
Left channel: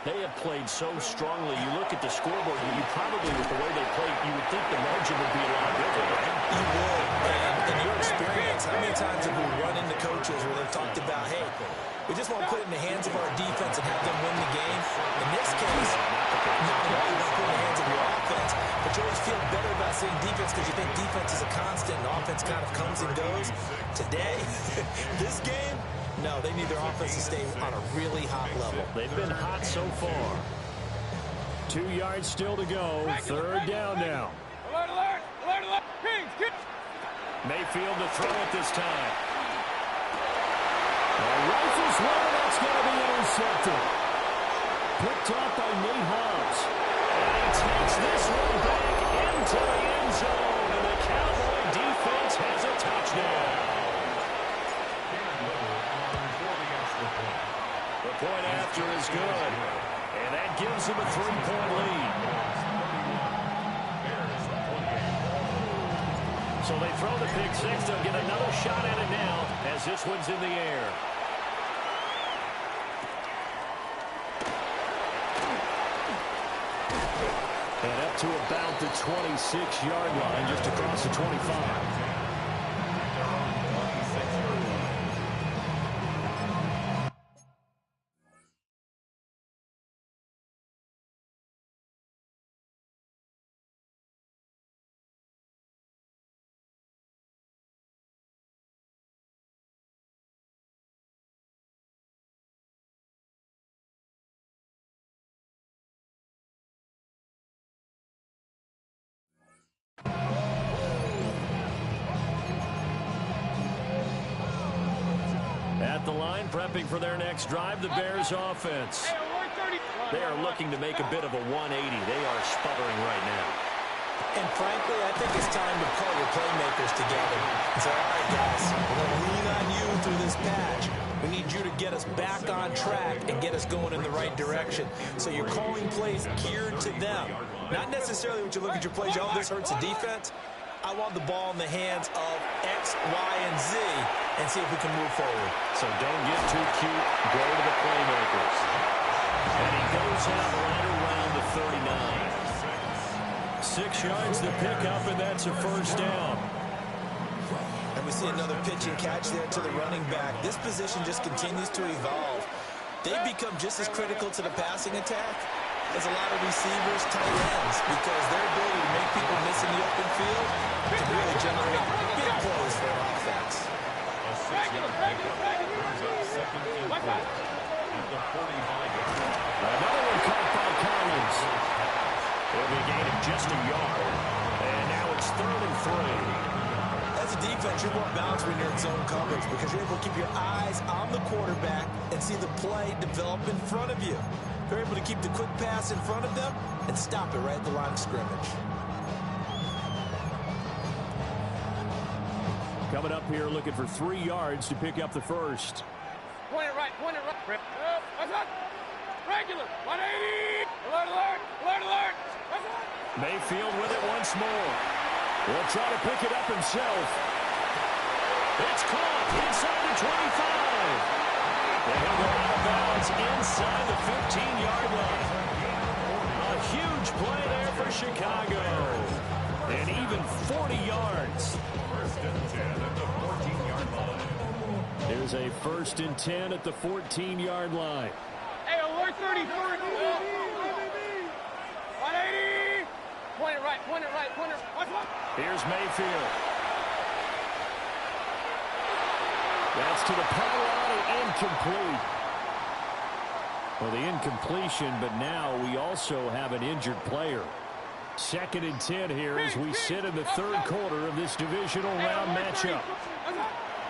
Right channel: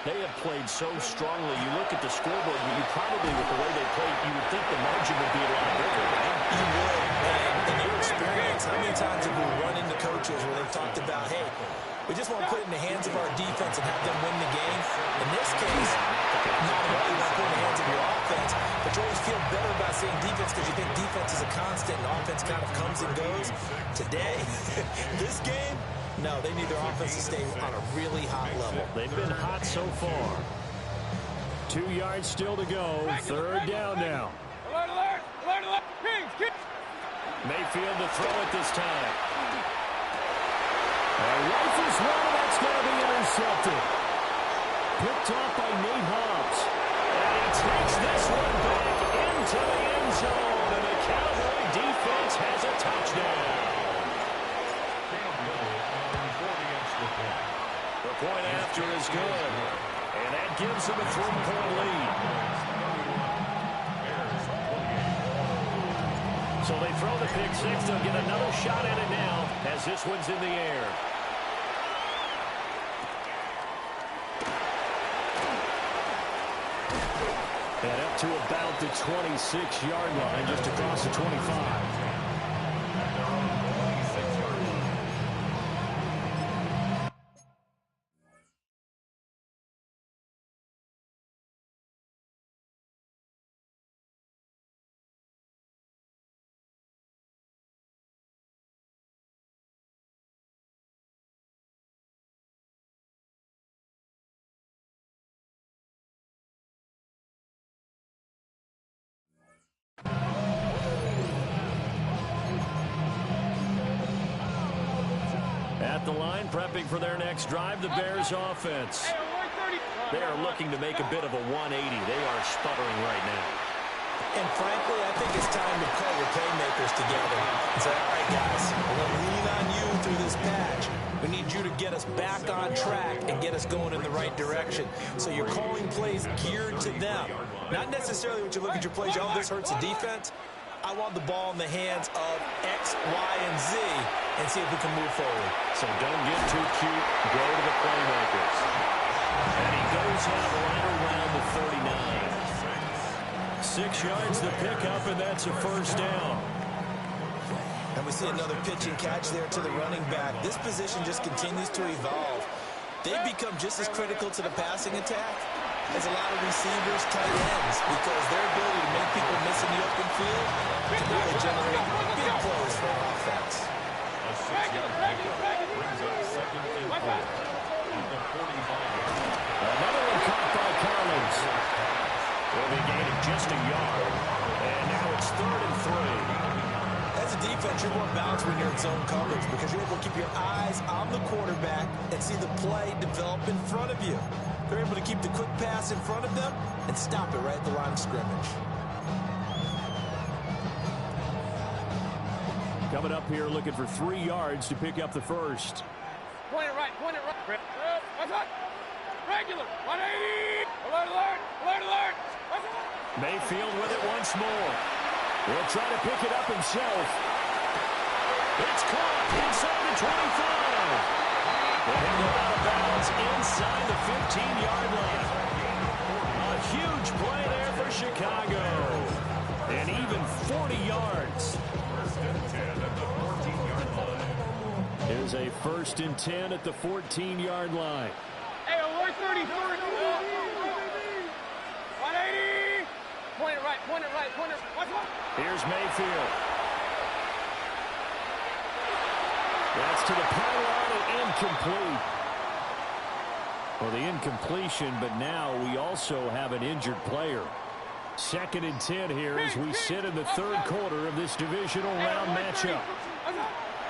They have played so strongly. You look at the scoreboard, you probably, with the way they played, you would think the margin would be a lot bigger, right? You would. And in your experience, how many times have we run into coaches where they've talked about, hey, we just want to put it in the hands of our defense and have them win the game? In this case, not at all. You want to put it in the hands of your offense, but you always feel better about saying defense because you think defense is a constant and offense kind of comes and goes. Today, this game, no, they need their offense to stay on a really hot level. They've been hot so far. 2 yards still to go. Third down now. Alert, alert, alert, alert. Kings. Mayfield to throw it this time. Rifles one, and that's going to be intercepted. Picked off by Nate Hobbs. And he takes this one back into the end zone, and the Cowboy defense has a touchdown. The point after is good, and that gives him a 3-point lead. So they throw the pick six. They'll get another shot at it now as this one's in the air. And up to about the 26-yard line, just across the 25. At their own 26-yard line. At the line, prepping for their next drive, the Bears offense. They are looking to make a bit of a 180. They are sputtering right now. And frankly, I think it's time to call your playmakers together and say, all right, guys, we're going to lean on you through this patch. We need you to get us back on track and get us going in the right direction. So you're calling plays geared to them. Not necessarily when you look at your plays, oh, this hurts the defense. I want the ball in the hands of X, Y, and Z and see if we can move forward. So don't get too cute. Go to the playmakers. And he goes out right around the 39. 6 yards to pick up, and that's a first down. And we see another pitch and catch there to the running back. This position just continues to evolve. They've become just as critical to the passing attack as a lot of receivers, tight ends, because their ability to make people miss in the open field can really generate big plays for an offense. A 6-yard pickup brings up 2nd and 4 at the 45-yard line. Another one caught by Collins. It'll be a gain of just a yard. And now it's 3rd and 3. As a defense, you're more balanced when you're in zone coverage because you're able to keep your eyes on the quarterback and see the play develop in front of you. They're able to keep the quick pass in front of them and stop it right at the line of scrimmage. Coming up here looking for 3 yards to pick up the first. Point it right, point it right. What's up? Regular, 180. Alert, alert, alert, alert. What's up? Mayfield with it once more. He'll try to pick it up himself. It's caught inside the 25. And he'll go out of bounds inside the 15-yard line. A huge play there for Chicago. And even 40 yards. 1st and 10 at the 14-yard line. There's a 1st and 10 at the 14-yard line. Hey, alert 30, 30. 180. Point it right, point it right, point it right. What's up? Here's Mayfield. That's to the pylon and incomplete. Well, the incompletion, but now we also have an injured player. 2nd and 10 here as we sit in the 3rd quarter of this divisional round matchup.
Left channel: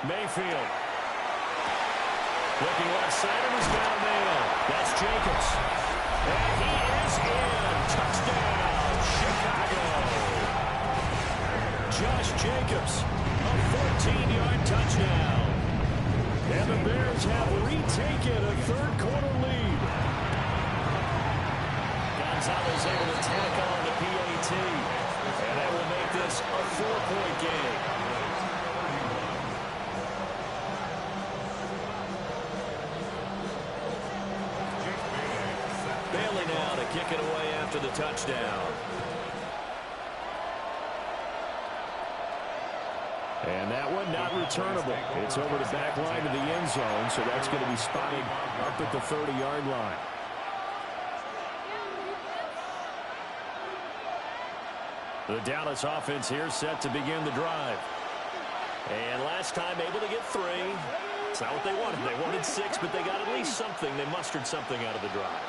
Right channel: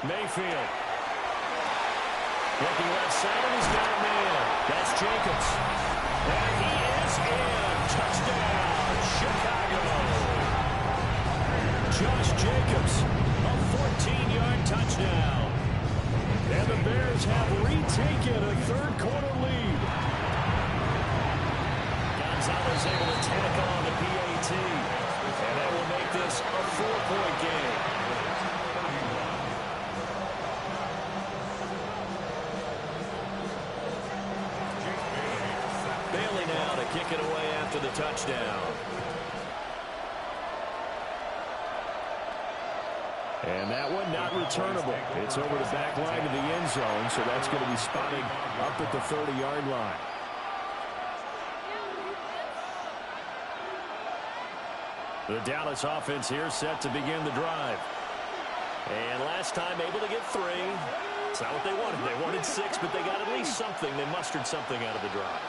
Mayfield. Looking left side, and he's got a man. That's Jacobs. And he is in. Touchdown, Chicago. Josh Jacobs, a 14-yard touchdown. And the Bears have retaken a 3rd quarter lead. Gonzalez able to tack on the PAT. And that will make this a 4-point game. Bailey now to kick it away after the touchdown. And that one not returnable. It's over the back line of the end zone, so that's going to be spotted up at the 30-yard line. The Dallas offense here set to begin the drive. And last time able to get 3. It's not what they wanted. They wanted 6, but they got at least something. They mustered something out of the drive.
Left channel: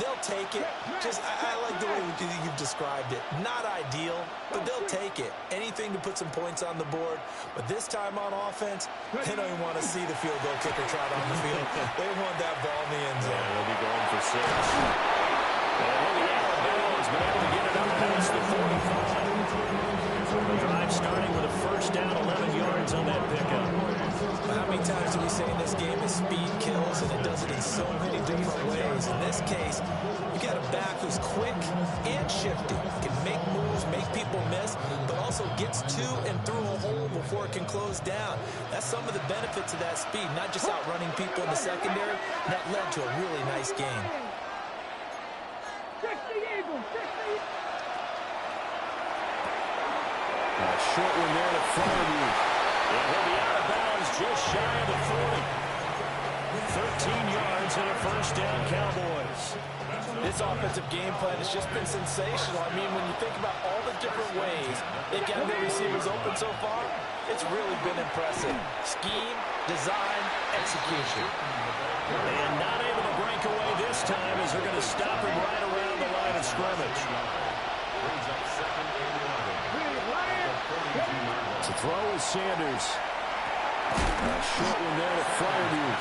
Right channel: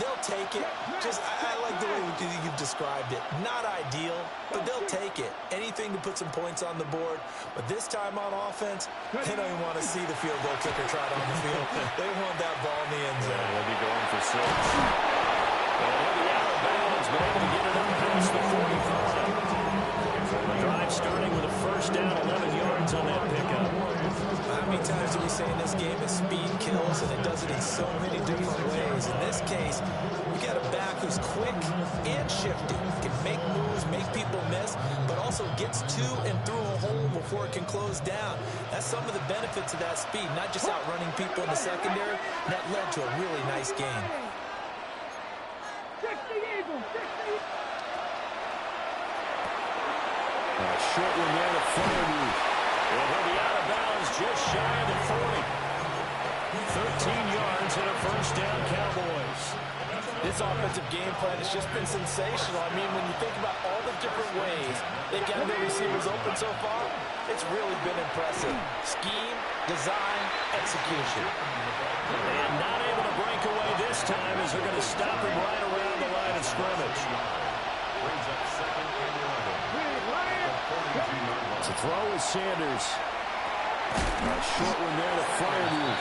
They'll take it. I like the way you've described it. Not ideal, but they'll take it. Anything to put some points on the board. But this time on offense, they don't even want to see the field goal kicker trot on the field. They want that ball in the end zone. They'll be going for 6. And he'll be out of bounds, but able to get it up past the 45. The drive starting with a first down, 11 yards on that pickup. How many times do we say in this game that speed kills, and it does it in so many different ways? In this case, you got a back who's quick and shifty, can make moves, make people miss, but also gets to and through a hole before it can close down. That's some of the benefits of that speed, not just outrunning people in the secondary. That led to a really nice game. 60 Eagles, 60. Short one there to Fairview. And he'll be out of bounds just shy of the 40. 13 yards and a first down, Cowboys. This offensive game plan has just been sensational. I mean, when you think about all the different ways they've got their receivers open so far, it's really been impressive. Scheme, design, execution. And not able to break away this time as they're going to stop him right around the line of scrimmage. Brings up second and 11. To throw is Sanders. A short one there to Fairview.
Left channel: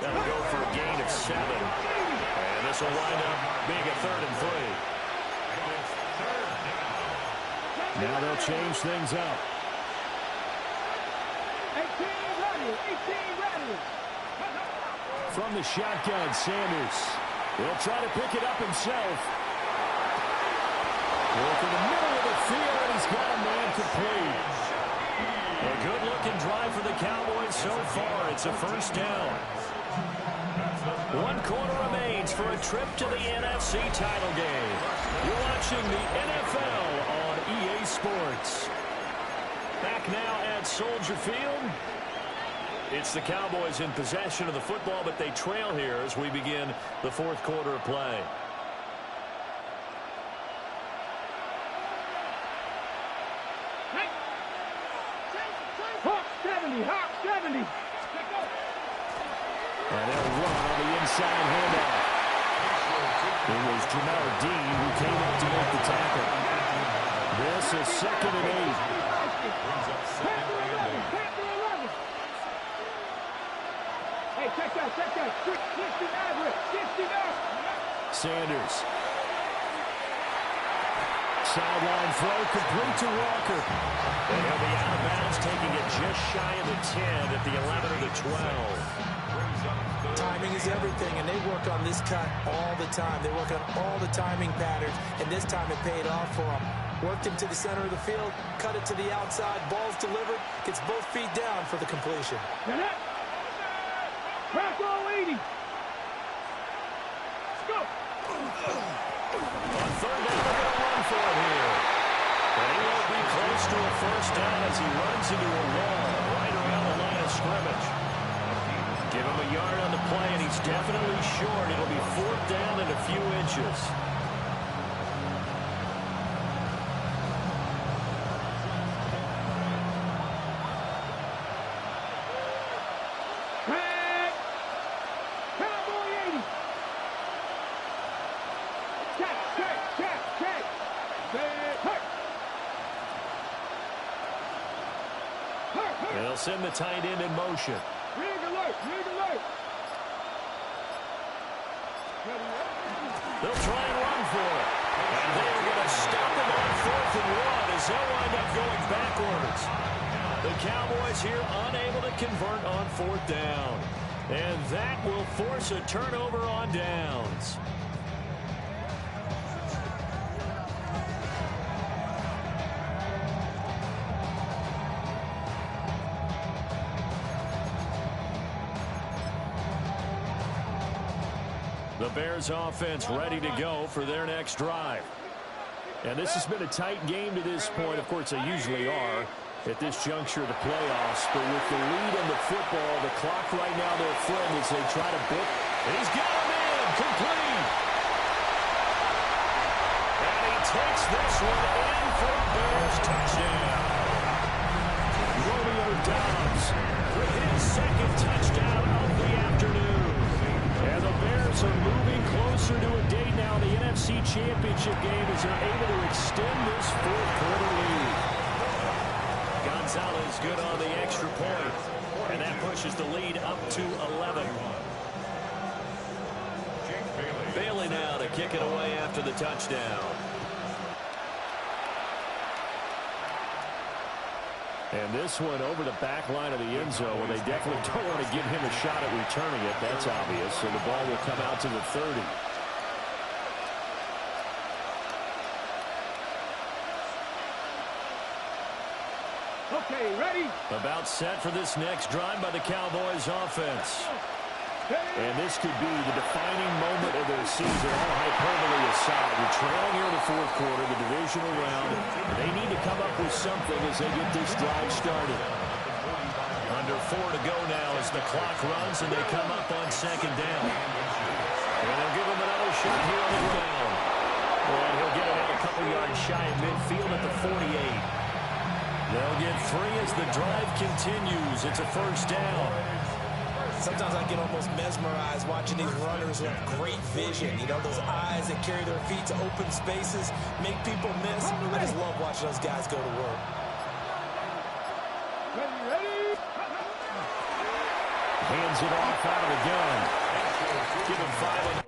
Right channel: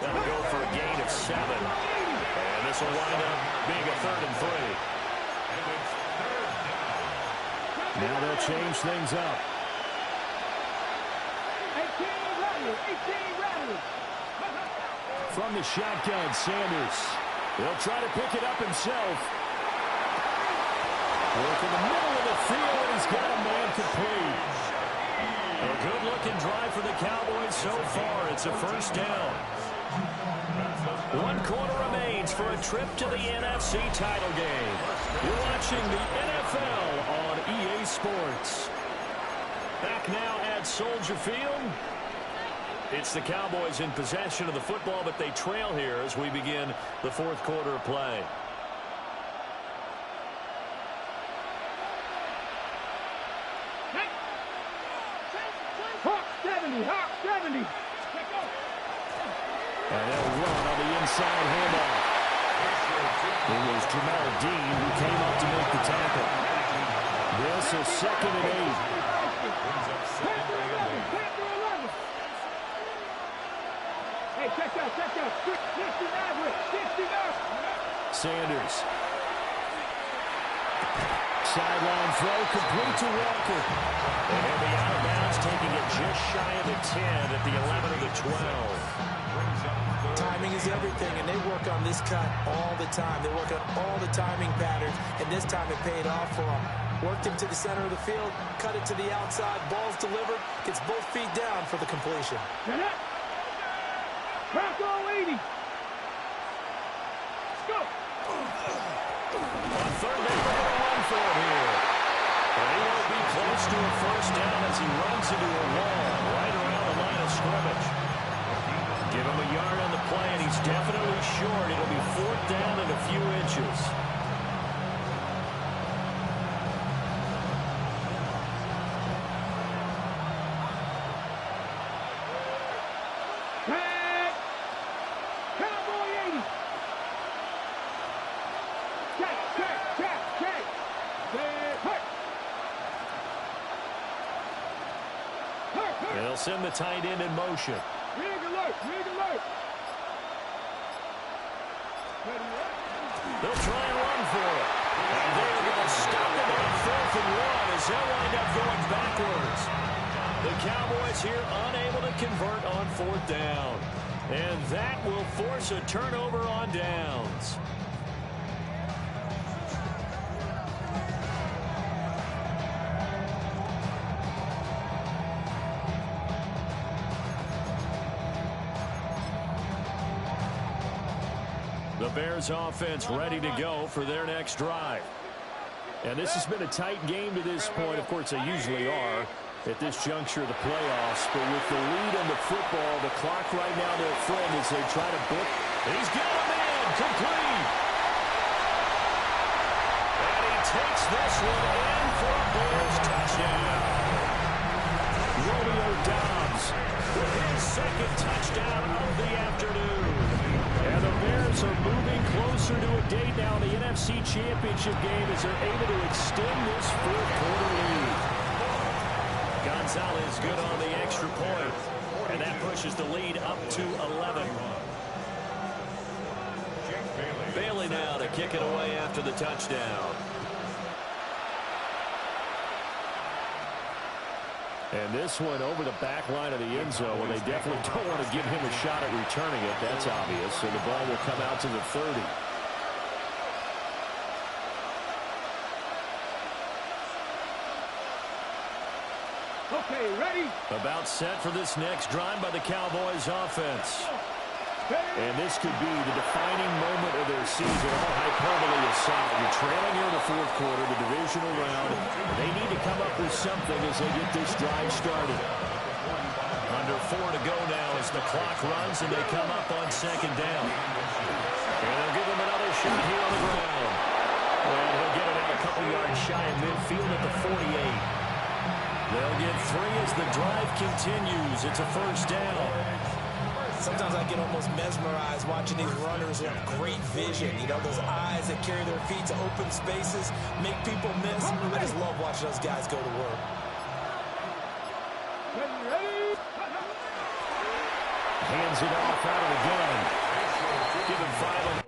That'll go for a gain of 7. And this will wind up being a 3rd and 3. And it's 3rd down. Now they'll change things up. 18 ready. From the shotgun, Sanders. He'll try to pick it up himself. Work in the middle of the field, and he's got a man complete. A good-looking drive for the Cowboys so far. It's a first down. 1 quarter remains for a trip to the NFC title game. You're watching the NFL on EA Sports. Back now at Soldier Field. It's the Cowboys in possession of the football, but they trail here as we begin the 4th quarter of play. Hawk 70. And they'll run on the inside handoff. It was Jamel Dean who came up to make the tackle. This is 2nd and 8. Hey, check that. 69. Sanders. Sideline throw complete to Walker. And he'll be out of bounds, taking it just shy of the 10 at the 11 or the 12. Timing is everything, and they work on this cut all the time. They work on all the timing patterns, and this time it paid off for them. Worked him to the center of the field, cut it to the outside, ball's delivered, gets both feet down for the completion. Get up. Bronco 80. Let's go. On 3rd down, we're going to run for it here. And he won't be close to a first down as he runs into a wall right around the line of scrimmage. Give him a yard on the play, and he's definitely short. It'll be 4th down and a few inches. Cowboy 80. Check. They'll send the tight end in motion. Rig alert. They'll try and run for it. And they are going to stop him on 4th and 1 as they'll wind up going backwards. The Cowboys here unable to convert on 4th down. And that will force a turnover on downs. The Bears offense ready to go for their next drive. And this has been a tight game to this point. Of course, they usually are at this juncture of the playoffs. But with the lead in the football, the clock right now their friend as they try to book. He's got him in, complete. And he takes this one in for a Bears touchdown. Romeo Doubs with his 2nd touchdown of the afternoon. And the Bears are moving closer to a date now in the NFC Championship game as they're able to extend this fourth-quarter lead. Gonzalez good on the extra point, and that pushes the lead up to 11. Bailey now to kick it away after the touchdown. And this one over the back line of the end zone, where they definitely don't want to give him a shot at returning it. That's obvious. So the ball will come out to the 30. Okay, ready? About set for this next drive by the Cowboys offense. And this could be the defining moment of their season, all hyperbole aside. You're trailing here in the fourth quarter, the divisional round. They need to come up with something as they get this drive started. Under 4 to go now as the clock runs and they come up on second down. And they'll give him another shot here on the ground. And he'll get it out a couple yards shy of midfield at the 48. They'll get 3 as the drive continues. It's a first down. Sometimes I get almost mesmerized watching these runners who have great vision. You know, those eyes that carry their feet to open spaces, make people miss. I just love watching those guys go to work. Ready? Hands it off out of the gun. Give him 5 on